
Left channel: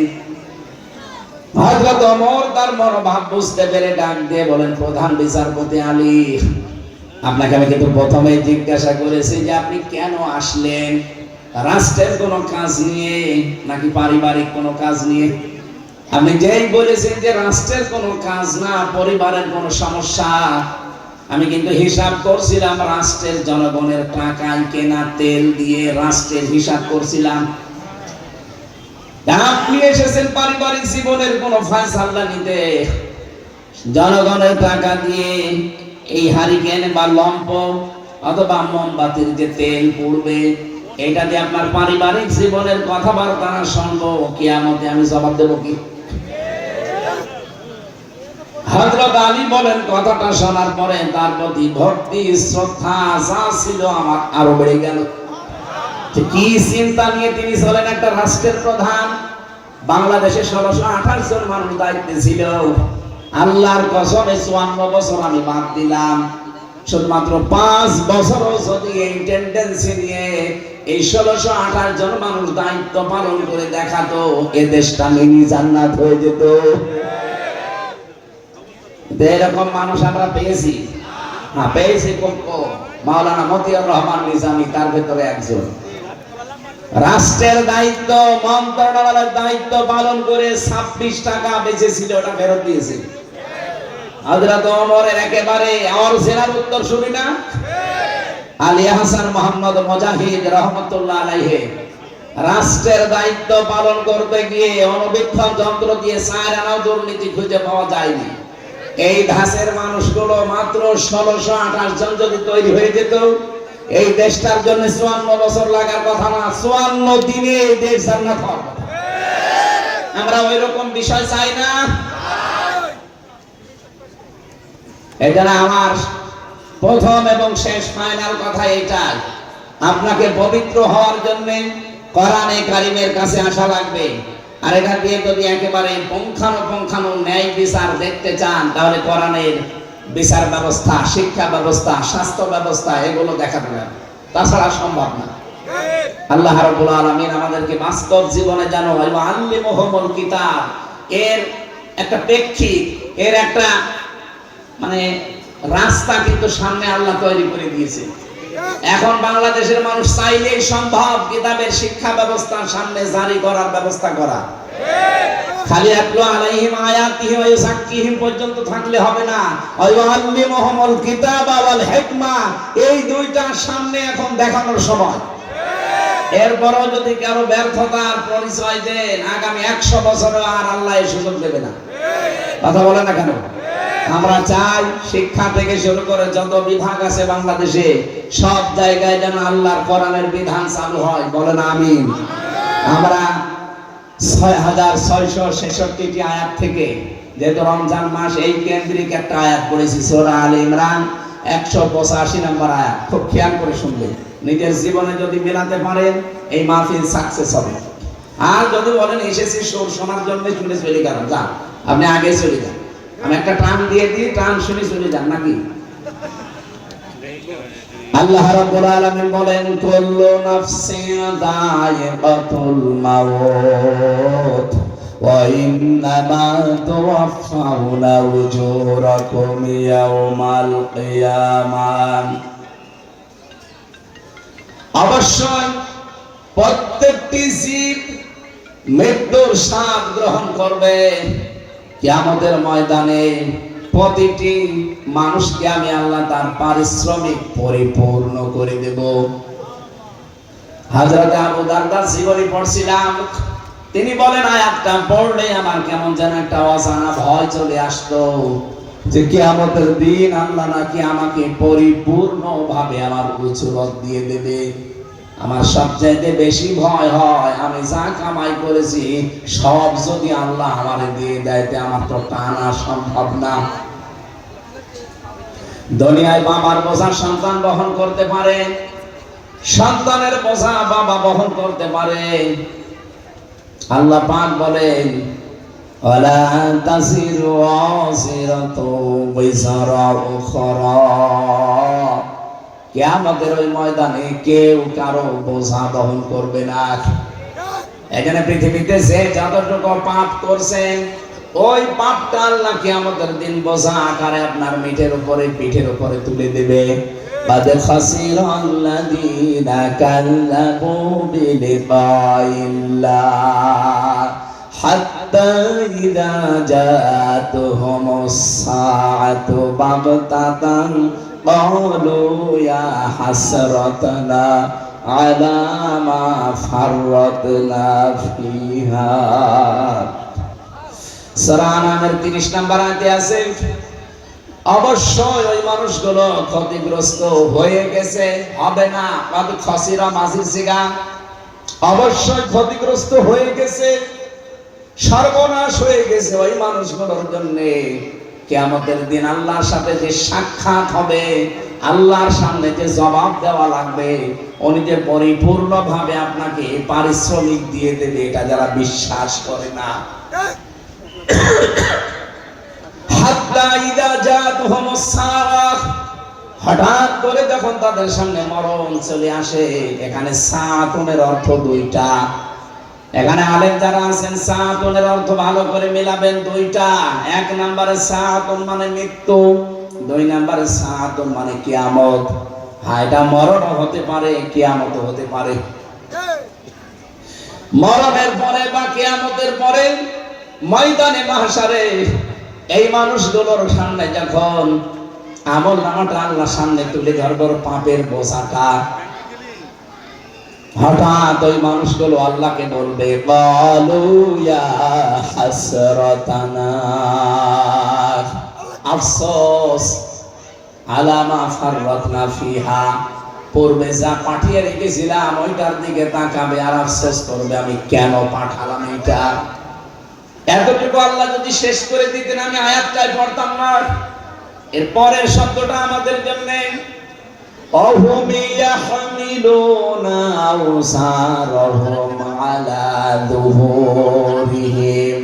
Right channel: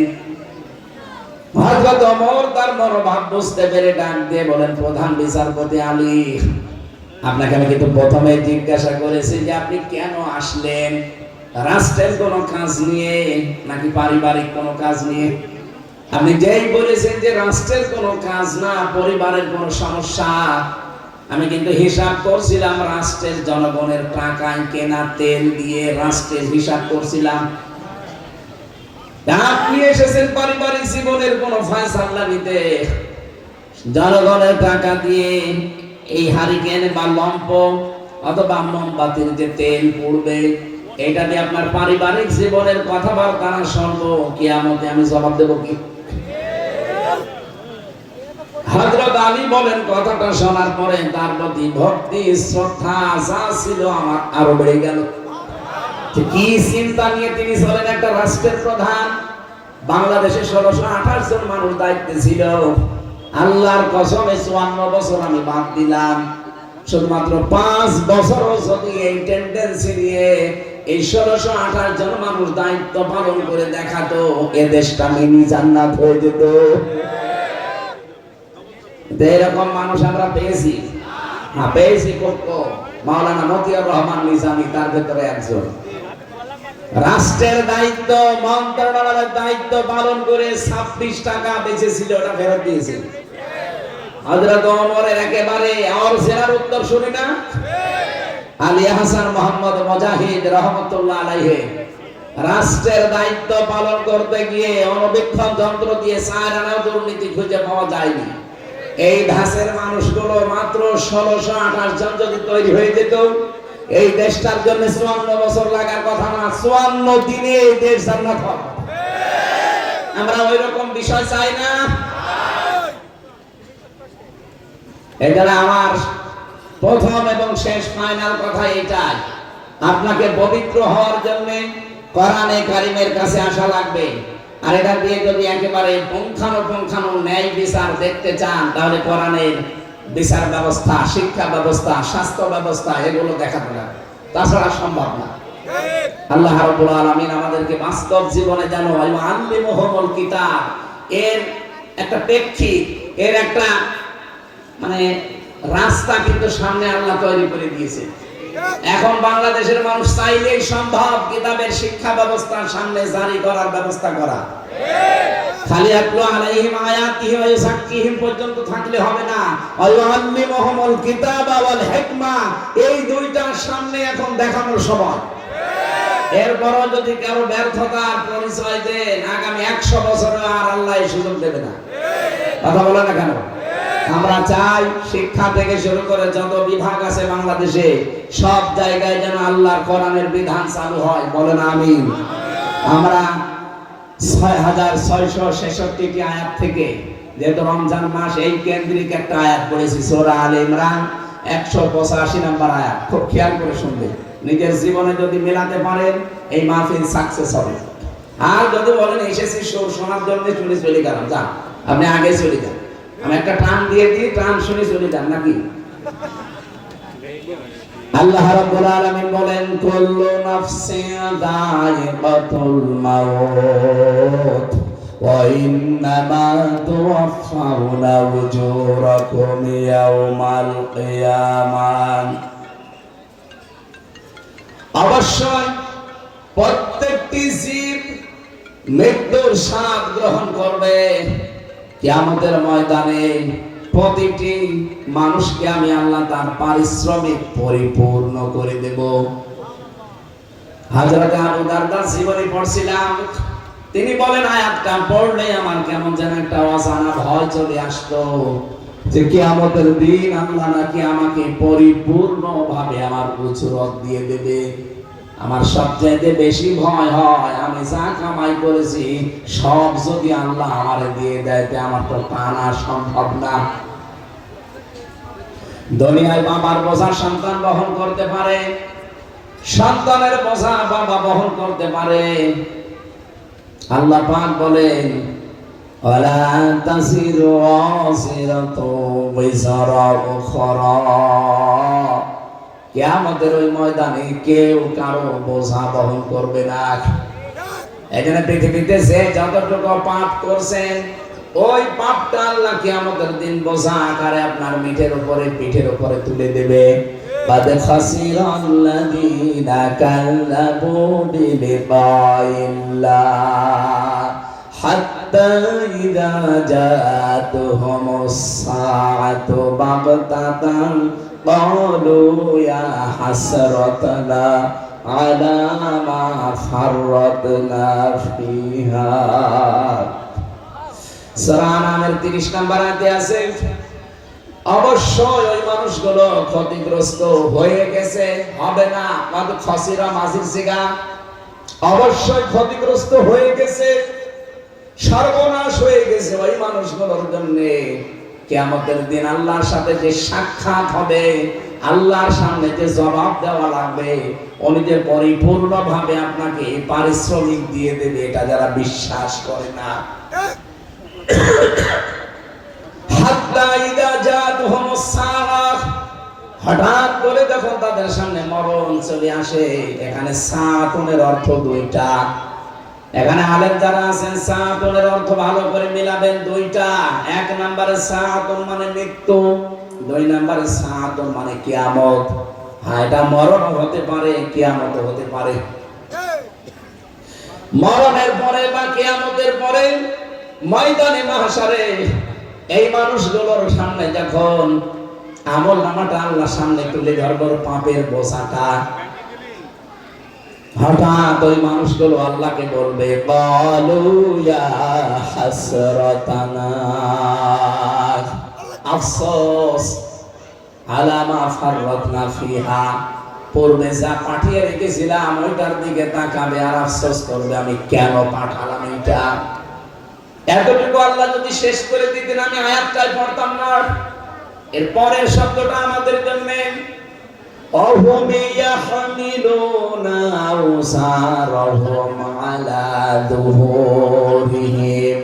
হযরত ওমর তার মনোভাব বুঝতে পেরে ডাক দিয়ে বলেন, প্রধান বিচারপতি আলী, আপনাকে আমি কিন্তু প্রথমে জিজ্ঞাসা করেছি যে আপনি কেন আসলেন, রাষ্ট্রের কোনো কাজ নিয়ে নাকি পারিবারিক কোনো কাজ নিয়ে? আপনি যেই বলেছেন যে রাষ্ট্রের কোনো কাজ না, পরিবারের কোনো সমস্যা, আমি কিন্তু হিসাব করছিলাম রাষ্ট্রের জনগণের টাকায় কেনা তেল দিয়ে রাষ্ট্রের হিসাব করছিলাম। আপনি এসেছেন পারিবারিক জীবনের কোন ফয়সালা নিতে, জনগণের টাকা দিয়ে এই হারিকেন বা লম্প অথবা মোমবাতির যে তেল পড়বে, এটা দিয়ে আপনার পারিবারিক জীবনের কথাবার্তা শুনবো, কিয়ামতে আমি জবাব দেব কি? হযরত হযরত আলী বলেন, কথাটা শোনার পরে তার প্রতি ভক্তি শ্রদ্ধা যা ছিল আমার আরো বেড়ে গেল। কি চিন্তা নিয়ে তিনি চলেন, একটা রাষ্ট্রের প্রধান। বাংলাদেশে 1628 জন মানুষ দায়িত্বে ছিল। আল্লাহর কসমে 54 বছর আমি বাদ দিলাম, শুধুমাত্র 5 বছরও যদি এই টেন্ডেন্সি নিয়ে এই 1628 জন মানুষ দায়িত্ব পালন করে দেখাতো, এ দেশটা মিনি জান্নাত হয়ে যেত। এরকম মানুষ আমরা পেয়েছি না? পেয়েছি মাওলানা মতিয়ার রহমান নিজামী তার ভেতরে একজন। রাষ্ট্রের দায়িত্ব, মন্ত্রণালয়ের দায়িত্ব পালন করে 26 টাকা বেঁচেছিল, ওটা ফেরত দিয়েছে। হযরত ওমরের একেবারে অরিজিনাল উত্তর শুনি না? আলী হাসান মোহাম্মদ মুজাহিদ রহমাতুল্লাহ আলাইহি রাষ্ট্রের দায়িত্ব পালন করতে গিয়ে অণুবীক্ষণ যন্ত্র দিয়ে 4 আনা দুর্নীতি খুঁজে পাওয়া যায়নি। এই ধাঁচের মানুষগুলো মাত্র 1628 জন যদি তৈরি হয়ে যেত, এই দেশটার জন্য 54 বছর লাগার কথা না, 54 দিনে এই দেশ জান্নাত হবে। আমরা ওই রকম বিষয় চাই না। এজন্য আমার প্রথম এবং শেষ ফাইনাল কথা এটাই, আপনাকে পবিত্র হওয়ার জন্য কোরআনে কারিমের কাছে আসা লাগবে। আর এটা দিয়ে যদি একেবারে পুঙ্খানুপুঙ্খানু ন্যায় বিচার দেখতে চান, তাহলে কোরআনের বিচার ব্যবস্থা, শিক্ষা ব্যবস্থা, স্বাস্থ্য ব্যবস্থা এগুলো দেখাতে হবে, তাছাড়া সম্ভব না। আল্লাহ রাব্বুল আলামিন আমাদেরকে বাস্তব জীবনে যেন আল্লিমুহুমুল কিতাব এর একটা প্রেক্ষিত, এর একটা মানে রাস্তা কিন্তু সামনে আল্লাহ তৈরি করে দিয়েছে। এখন বাংলাদেশের মানুষ চাইলেই সম্ভব কিতাবের শিক্ষা ব্যবস্থার সামনে জারি করার ব্যবস্থা করা। খালি আতলু আলাইহিম আয়াতিহি ওয়া ইউযাক্কিহিম পর্যন্ত থাকলে হবে না, ওয়া ইউআল্লিমুহুমুল কিতাবা ওয়াল হিকমা, এই দুইটার সামনে এখন দেখানোর সময়। এরপরও যদি কারো ব্যর্থতার পরিচয় দেন, আগামী 100 বছরে আর আল্লাহ এই সুযোগ দেবে না। কথা বলে না কেন? আমরা চাই শিক্ষা থেকে শুরু করে যত বিভাগ আছে বাংলাদেশে, সব জায়গায় যেন আল্লাহর কোরআনের বিধান চালু হয়। বলেন আমিন। আমরা 6666টি আয়াত থেকে, যেহেতু রমজান মাস, এই কেন্দ্রিক একটা আয়াত পড়েছি, সূরা আলে ইমরান 185 নম্বর আয়াত। খুব খেয়াল করে শুনবেন, নিজের জীবনে যদি মেলাতে পারেন এই মাহফিল সাকসেস হবে। আর যদি বলেন এসেছি শোনার জন্য শুনে চলে গেলাম, যান আপনি আগে চলে যান, আমি একটা টান দিয়ে দিই, টান শুনে চলে যান নাকি? আল্লাহ রাব্বুল আলামিন বলেন, কুল্লু নাফসিন যায়িকাতুল মাউত ওয়া ইন্নামা তুওয়াফাউনা উজুরাকুম ইয়াওমাল কিয়ামাহ। অবশ্যই প্রত্যেকটি জীব মৃত্যুর স্বাদ গ্রহণ করবে। কিয়ামতের ময়দানে প্রতিটি মানুষকে আমি আল্লাহ তার পারিশ্রমিক পরিপূর্ণ করে দেব। হযরত আবু দারদার জীবনী পড়ছিলাম, তিনি বলেন আয়াতটা পড়লে আমার কেমন যেন একটা অজানা ভয় চলে আসতো, যে কিয়ামতের দিন আল্লাহ নাকি আমাকে পরিপূর্ণভাবে আমার উজরত দিয়ে দেবে। আমার সবচাইতে বেশি ভয় হয় আমি যা কামাই করেছি সব যদি আল্লাহ আমারে দিয়ে দেয়, আমার তো টানা সম্ভব না। দুনিয়ায় বাবার বোঝা সন্তান বহন করতে পারে, সন্তানের বোঝা বাবা বহন করতে পারে। আল্লাহ পাক বলেন, ওয়ালা তাসিরু ওয়াসিরাতু বিজরা উখরা। কিয়ামতের ওই ময়দানে কেউ কারো বোঝা বহন করবে না। এখানে পৃথিবীতে যে যতটুকু পাপ করছেন, ওই পাপটা আল্লাহ কিয়ামতের দিন বোঝা আকারে আপনার পিঠের উপরে তুলে দেবে। বাদ খাসিরাল্লাযীনা কাল্লাবু বিলিকাইল্লাহ হাত্তা ইযা জাতুহুমুস সাআতু বাগতাতান ক্বালু ইয়া হাসরাতানা আলা মা ফাররাতনা ফিহা। সূরা আনামের 30 নম্বর আয়াতে আছে, অবশ্যই ওই মানুষগুলো ক্ষতিগ্রস্ত হয়ে গেছে, হবে না। বাদ খাসিরা মাজির জিগা, অবশ্যই ক্ষতিগ্রস্ত হয়ে গেছে, সর্বনাশ হয়ে গেছে ওই মানুষগুলোর জন্য। কিয়ামতের দিন আল্লাহর সাথে যে সাক্ষাৎ হবে, আল্লাহর সামনে যে জবাব দেওয়া লাগবে, উনি যে পরিপূর্ণভাবে আপনাকে পারিশ্রমিক দিয়ে দেবে, এটা যারা বিশ্বাস করে না। হাত্তা ইদা জাতুহুমুস সাআহ, হঠাৎ করে যখন তাদের সামনে মরণ চলে আসে। এখানে সাআতুনের অর্থ দুইটা। এখানে আলেম যারা আছেন সাআতুনের অর্থ ভালো করে মিলাবেন দুইটা। এক নম্বরে সাআতুন মানে মৃত্যু, দুই নম্বরে সাআতুন মানে কিয়ামত। হ্যাঁ, এটা মরণ হতে পারে, কিয়ামত হতে পারে। মরণের পরে বা কিয়ামতের পরে ময়দানে মাহশারে এই মানুষগুলোর সামনে যখন আমল নামাটা আল্লাহর সামনে তুলে ধরব, পাপের বোঝাটা, হঠাৎ ওই মানুষগুলো আল্লাহকে বলবে, ক্বালু ইয়া হাসরাতানা, আফসোস আলা মা ফাররাতনা ফিহা, পূর্বে যা পাঠিয়ে রেখেছিলাম ওইটার দিকে তাকাবে আর আফসোস করবে, আমি কেন পাঠালাম এটা। এতটুকু আল্লাহ যদি শেষ করে দিতেন আমি আয়াতটাই পড়তাম না। এর পরের শব্দটা আমাদের জন্য, অহুম ইয়াহমিলুনা আওসারহুম আলা যুহুরিহিম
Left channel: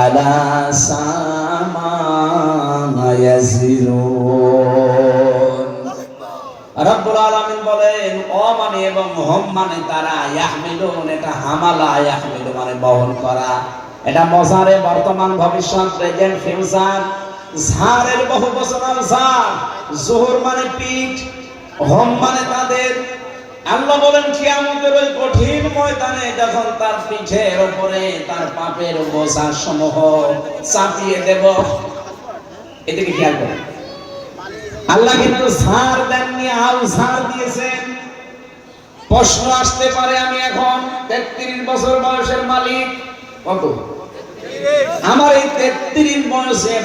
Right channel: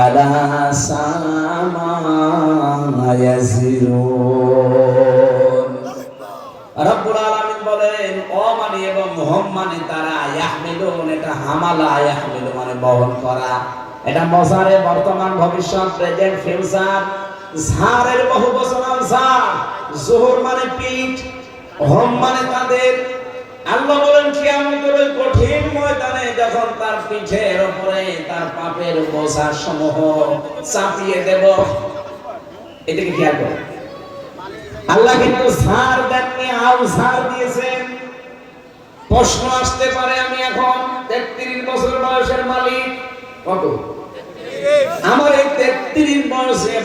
আলা সামা ইয়াজিরুন। রব্বুল আলামিন বলেন, অ মানে এবং হুম মানে তারা, ইয়াহমিলুন এটা হামালা, ইয়াহমিলু মানে বহন করা। এটা মজারে বর্তমান ভবিষ্যৎ প্রেজেন্ট ফিউচার। ঝাড়ের বহু বচন ঝাড়, জোহর মানে পিঠ, হোম মানে তাদের। আল্লাহ বলেন কিয়ামতের ওই কঠিন ময়দানে যখন তার পিঠের উপরে তার পাপের বোঝা সমূহ চাপিয়ে দেব। এদিকে খেয়াল করুন, আল্লাহ কিন্তু ঝাড় দেননি, আল ঝাড় দিয়েছেন। প্রশ্ন আসতে পারে, আমি এখন 33 বছর বয়সের মালিক, কত আমার এই 33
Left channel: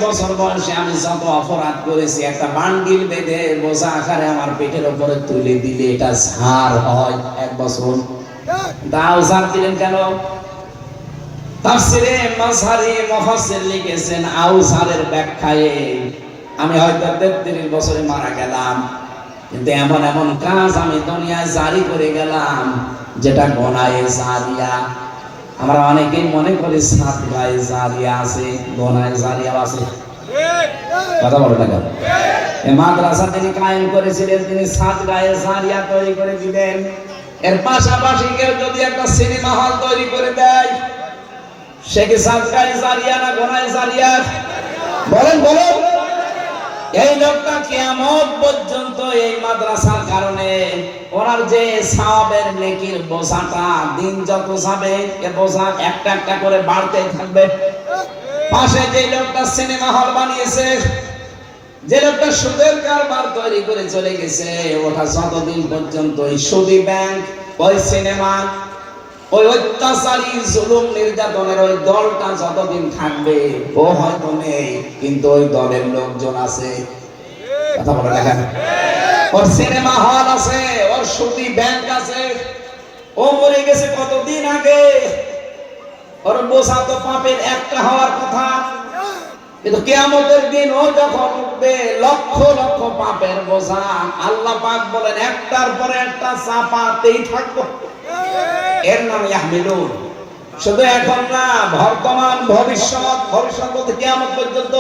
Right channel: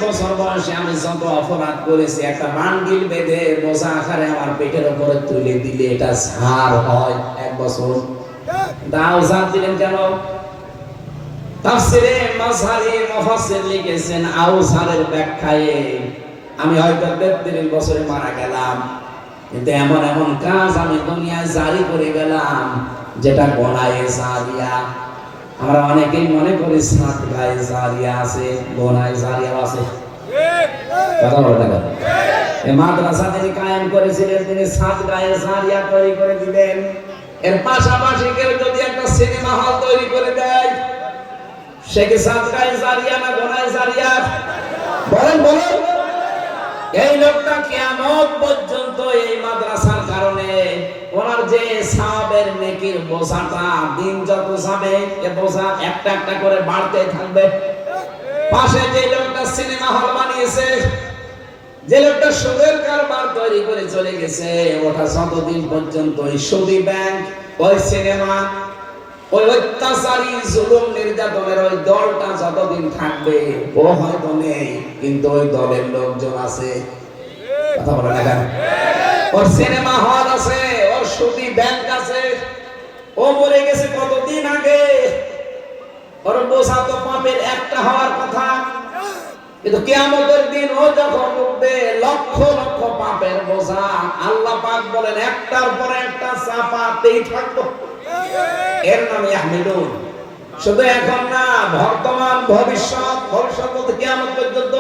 বছর বয়সে আমি যত অপরাধ করেছি, একটা বান্ডিল বেঁধে বোঝা আকারে আমার পেটের উপরে তুলে দিলে এটা ঝাড় হয় 1 বছর। দাও ঝাড় দিলেন কেন? তাফসিরে মাযহারি মুফাসসির লিখেছেন, আউসারের ব্যাখ্যায় আমি হয়তো 33 বছরে মারা গেলাম, কিন্তু এমন এমন কাজ আমি দুনিয়ায় জারি করে গেলাম যেটা গোনায়ে জারিয়া। আমরা অনেকেই মনে করি সাত গায়ে জারিয়া আছে, গোনায়ে জারিয়া আছে। কথা বলে না? এই মাদ্রাসা তিনি কায়েম করেছিলেন, তিনি সাত গায়ে জারিয়া তৈরি করে দিলেন। এর পাশাপাশি কেউ যদি একটা সিনেমা হল তৈরি করে দেয়, সে কি সাত গায়ে জারিয়া না গোনায়ে জারিয়া? বলেন বলেন। এই লোকটা কিয়ামত পর্যন্ত এই মাদ্রাসার কারণে ওনার যে সওয়াবের নেকির বোঝাটা দিন যত যাবে এ বোঝা একটা একটা করে বাড়তে থাকবে। পাশে যে লোকটা সিনেমা হল বানিয়েছে, যে লোকটা সুদের কারবার তৈরি করে চলে গেছে, ওটা যতদিন পর্যন্ত ওই সুদী ব্যাংক, ওই সিনেমা, ওই অত্যাচারী জুলুম নির্যাতনের ওই দলটা যতদিন থাকবে, ও হয়তো নেই কিন্তু ওই দলের লোকজন আছে। কথা বলে দেখেন, ওর সিনেমা হল আছে, ওর সুদী ব্যাংক আছে। ও মরে গেছে কতদিন আগে, ওর বোঝা তো পাপের একটা হওয়ার কথা, কিন্তু কিয়ামতের দিন ও যখন উঠবে লক্ষ লক্ষ পাপের বোঝা, আল্লাহ পাক বলেন একটার পরে একটা চাপাতেই থাকবো। এর নাম ইয়াহমিলুন। শুধু এখন না, বর্তমান ভবিষ্যৎ, ভবিষ্যৎ বলতে কিয়ামত পর্যন্ত।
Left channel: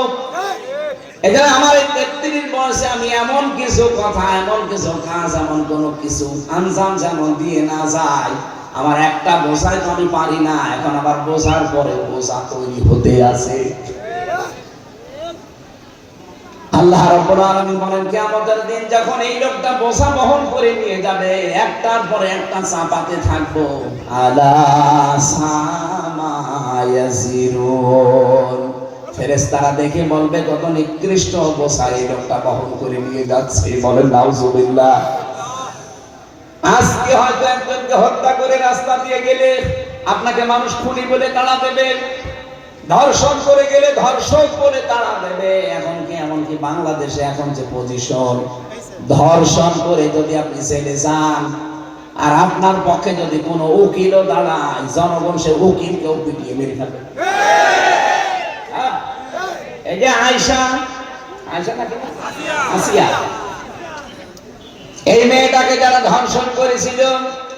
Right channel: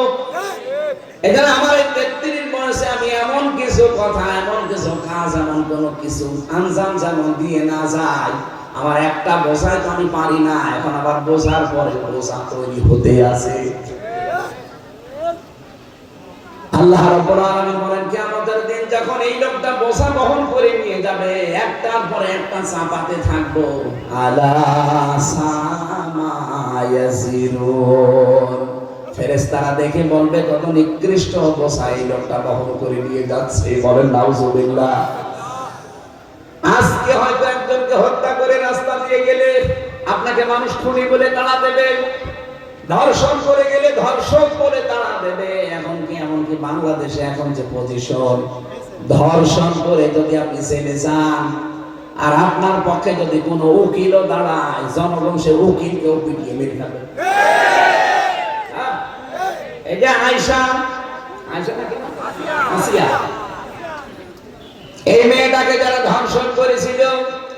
এখানে আমার এই 33 বয়সে আমি এমন কিছু কথা, এমন কিছু কাজ, এমন কোন কিছু আঞ্জাম যেন দিয়ে না যায়। আমার একটা বোঝায় তো আমি পারি না, এখন আবার বোঝার পরে বোঝা তৈরি হতে আছে। আল্লাহ রাব্বুল আলামিন বলেন কিয়ামতের দিন যখন এই লোকটা বোঝা বহন করে নিয়ে যাবে, একটার পরে একটা চাপাতে থাকবো। আলা সামা ইয়াজিরুন, ফেরেশতারা দেখে বলবে কত নিকৃষ্ট বোঝা এই লোকটা বহন করে নিয়ে যাচ্ছে। বলেন নাউজুবিল্লাহ। আজকে হয়তো একজনকে হত্যা করে রাস্তা দিয়ে গেলে আপনাকে মানুষ খুনি বলে তাড়া দেবে, ধর্ষণ করে গেলে ধর্ষক বলে তাড়া দেবে। এমনকি বাংলাদেশে এখন যে পজিশন, ধর্ষণ করে যদি আপনি জেলে যান আর আপনার পক্ষে যদি কোনো উকিলও দাঁড়ায়, জনগণ সে উকিলকেও পিটিয়ে মেরে ফেলবে। এই যে আয়েশা আয়েশা নাকি আসিয়া, এই মেয়েটাকে যারা ধর্ষণ করেছিল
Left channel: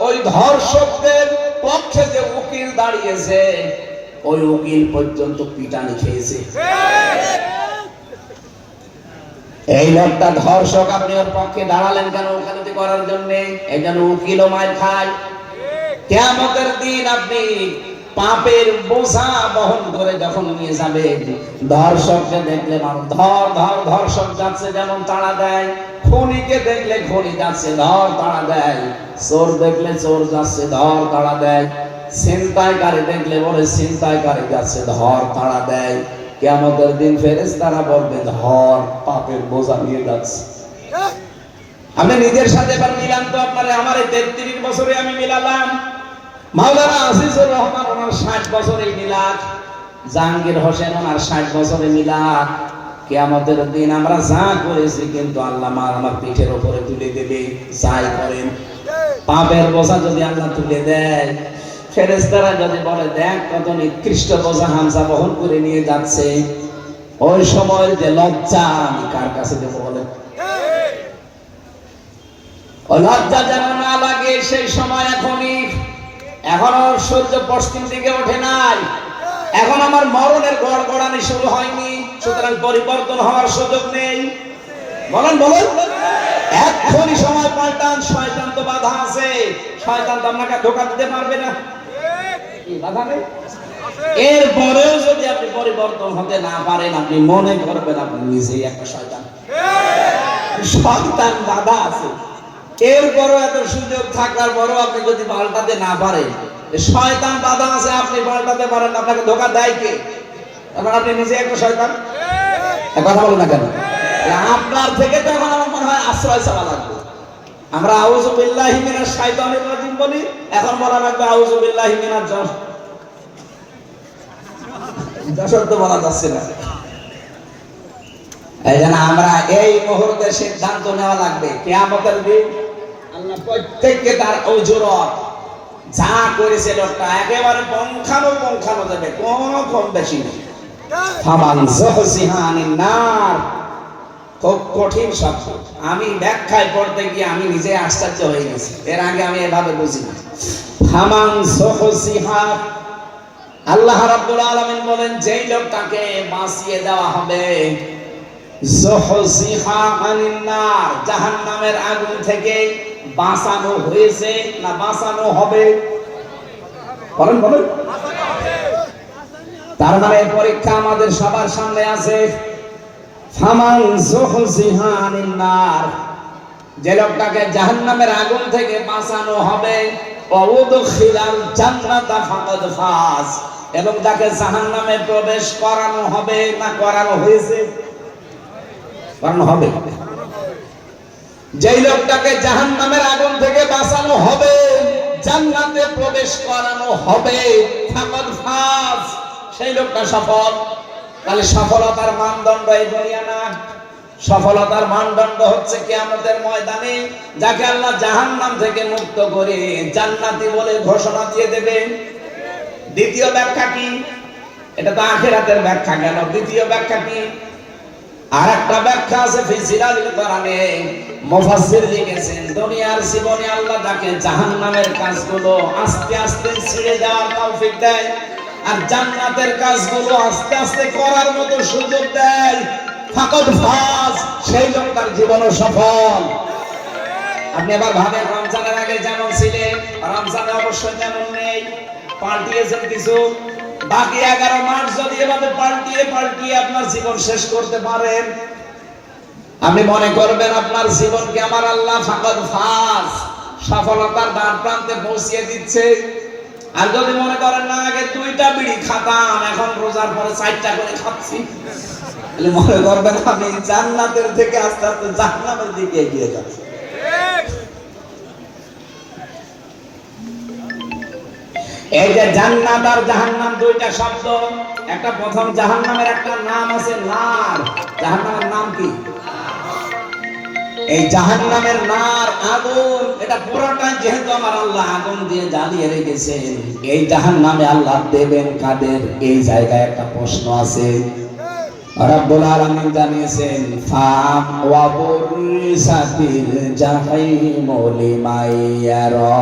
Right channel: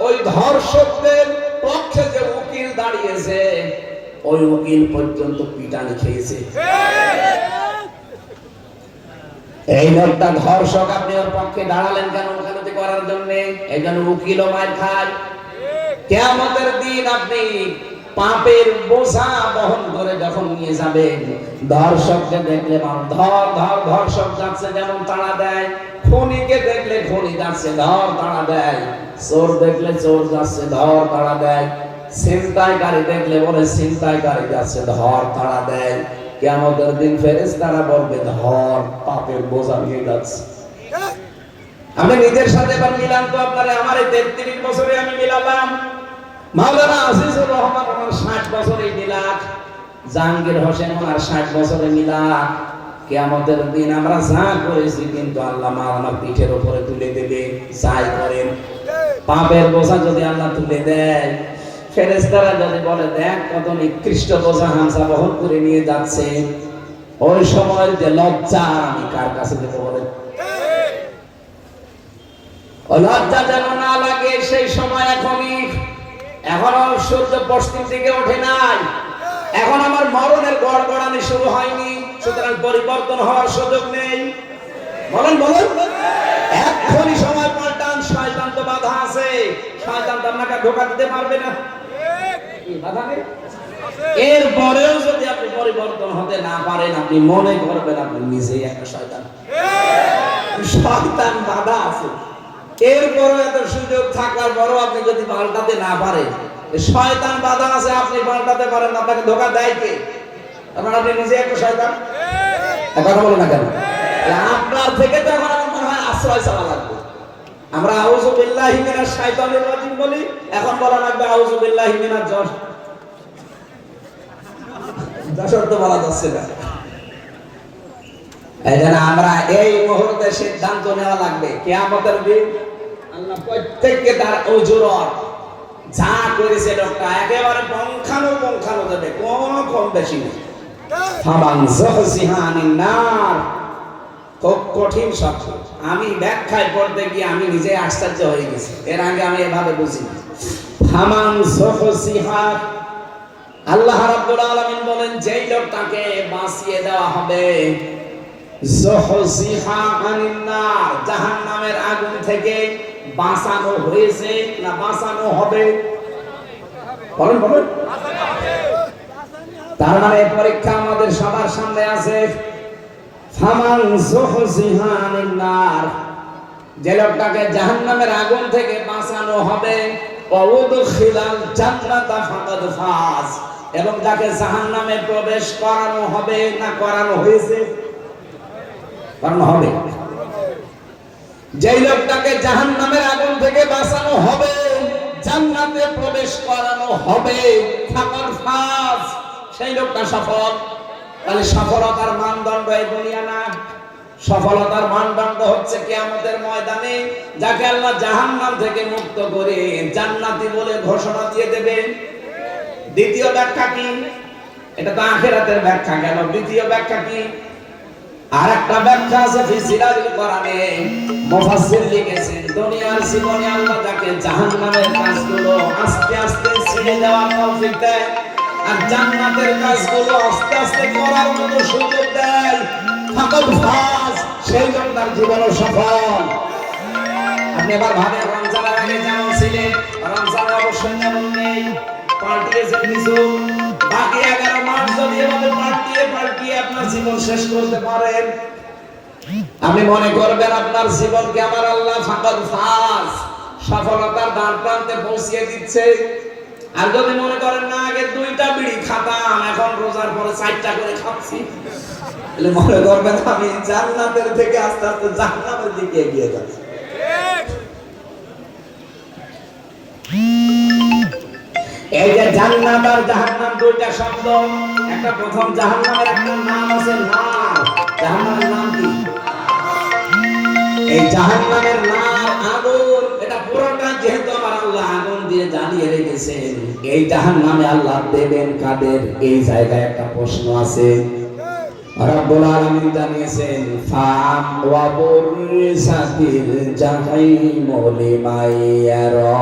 ওই ধর্ষকদের পক্ষে যে উকিল দাঁড়িয়েছে ওই উকিল পর্যন্ত পিটানি খেয়েছে। এই লোকটা ধর্ষক, আপনি ওর পক্ষে দাঁড়ালেন কেন? ওকালতি করার জন্য। এই জন্য উকিলও মার খায়। কিয়ামতের দিন আপনি পাপের বোঝা বহন করে যখন নিয়ে যাবেন, ধর্ষককে দেখলে ধর্ষক যাচ্ছে যেমন তাড়া দেয়, খুনিকে দেখলে খুনি যাচ্ছে ধর তাড়া দেয়, চোর দেখলে চোর যাচ্ছে ধর তাড়া দেয়, ছিনতাইকারী দেখলে বলে ছিনতাইকারী যাচ্ছে ধর তাড়া দেয়। কিয়ামতের দিন ফেরেশতারা বলবে ধর পাপের বোঝা নিয়ে যাচ্ছে। আমি নিজের সাথে এবার মিলান তো আপনারে, আমার এই 33 বছরে আমি মিলালাম। মাওলানা আজিজুর রহমান ওনার 60 বছরে মিলাদ, জাহাঙ্গীর হোসেন ওনার 60 বছরে মিলাদ। কিয়ামতের দিন আমরা যা করেছি কিন্তু আল্লাহ আমার পিঠের উপরে তুলে দেবে। যাই করেন পাপের বোঝা যদি আল্লাহ তুলে দেয়, ফেরেশতারা যদি বলে দেখ কত নিকৃষ্ট বোঝা হামজা বহন করে নিয়ে যাচ্ছে, ওই সময় যে লজ্জা আমি কার কাছে দেব বলেন? ওই লজ্জা যেন না লাগে সেই সময় এখনই। এখন আমার সূর্য পশ্চিম দিকে ওঠে নাই, এখন আমার মরণের গড়গড়ানি শুরু হয়নি, সুতরাং পরিবর্তন হওয়ার সুযোগ নেই। বলেন বলেন, এখনই সময় পাল্টান। শয়তান তো বাধা আছে, শয়তান তো আপনাকে ধোঁকা দিতে পারবে না, কি বাধা নেই? এরপরেও যদি আপনি পরিবর্তন হতে না পারেন, আপনি মনে করবেন আপনি নিজেই একটা শয়তান। শয়তান বাধা আছে, এরপরও এত সুযোগ থাকার পরও আপনি যদি পাল্টাতে না পারেন, শয়তান বাধা আছে, আপনি পাল্টাতে পারেন, আপনাকে ধোঁকা দেয় কে? তারপর আপনি নিজে একটা শয়তান। কথা বলেন না কেন? আপনার থেকে তো এখন আমার মনে হয় আশ্রয় চাওয়া লাগবে। আমরা আউযু বিল্লাহি মিনাশ শাইতানির রাজিম বলি, এখন বলা লাগবে আউযু বিল্লাহি মিনাজ যশোর তো বলা যাচ্ছে না। এই জন্য আমরা এই মুহূর্তে সিদ্ধান্ত নেওয়া লাগবে, কিয়ামতের দিন আল্লাহ প্রত্যেককে তার ওজরত যা করেছে লোকটা একেবারে পঙ্খানো দেবে, কোনো কম বেশি নেই। ফামান যুহজিহা আনিন নার, খুব কঠিন শব্দ। আমি ব্যাখ্যায় পড়তে গিয়ে আমি নিজে আশ্চর্য হয়ে গেছি, এর আগে আমি এভাবে বুঝিনি। ফামান যুহজিহা, আল্লাহ রাব্বুল আলামিন বলেন যেই লোকটাকে বাঁচিয়ে দেওয়া হবে, যুহজিহা আনিন নার, জাহান্নামের আগুন থেকে বাঁচানো হয়েছে না বাঁচানো হবে? বলেন বলেন। তার মানে পরীক্ষা আমাদের সবার সামনে আছে। ফামান যুহজিহা আনিন নার, যে লোকটাকে জাহান্নামের আগুন থেকে বাঁচানো হবে, ওয়াউদখিলাল জান্নাতা ফাকাদ ফাজ, এবং যাকে জাহান্নামে প্রবেশ করানো হবে না করানো হয়েছে? করানো হবে। যেই লোকটাকে জাহান্নামের আগুন থেকে বাঁচানো হবে, জান্নাতে প্রবেশ করানো হবে, ফাকাদ ফাজ, সেই লোকটা সফল। তাহলে সফলতার মানদণ্ড এই দুনিয়া না, সফলতার মানদণ্ড হচ্ছে কিয়ামতের ময়দানে যাকে আল্লাহ জাহান্নাম থেকে মুক্ত করে জান্নাতি বলে ঘোষণা দিয়ে দেবেন। দ্বিতীয় ব্যাখ্যা কি? এটা তো আখিরাতের ব্যাখ্যা, কেন দ্বিতীয় ব্যাখ্যা কি? আরেকটা ব্যাখ্যা আছে ফিসিরাজুল কোরআনে, মুফাসসির লিখেছেন দুনিয়ার জীবনে আল্লাহ তাকে জাহান্নামের কাজগুলো আস্তে আস্তে ছেড়ে দেওয়ার তৌফিক দেয়, আর জান্নাতের কাজগুলো আস্তে আস্তে করার মতো সুযোগ দেয়। ফাকাদ ফাজ, সেই লোকটার জীবন সফল। আপনি আবার ভাবেন রমজানের আগে যেমন ছিলেন, রমজানে অবশ্যই যেমন নেই, পাল্টিয়েছেন কিছু। বাকি 11 মাস যদি এভাবে পাল্টিয়ে আপনার জীবন শেষ করতে পারেন, আপনি মনে করবেন আপনার জীবনকে আমার আল্লাহ ফাকাদ ফাজ, সফলতার দ্বার প্রান্তে পৌঁছিয়ে দিচ্ছে। আর যদি মনে করেন না আগে 2টা বিড়ি খাতাম, এখন রোজার পরে 4টা করে খাচ্ছি, তাহলে মনে করবেন আমি জান্নাতের থেকে আস্তে আস্তে জাহান্নামের দিকে এগিয়ে যাচ্ছি। এই যে জান্নাত আর জাহান্নাম 2টা শব্দ, একটা প্রথম জাহান্নামের একটা নাম আছে নার। জাহান্নামের নাম কি? এই জাহান্নামের নার, আগুন, এটা পুরোটাই যেহেতু আমার আল্লাহ আগুন দিয়ে জ্বালিয়ে রেখেছেন, এই জাহান্নামে আল্লাহ দেবেন কাদের? এই জায়গায় একটা প্রশ্ন আছে। রব্বুল আলামিন জানিয়েছেন ফাম ওয়া বুরসাতিল জাহিম লিমাইয়ারা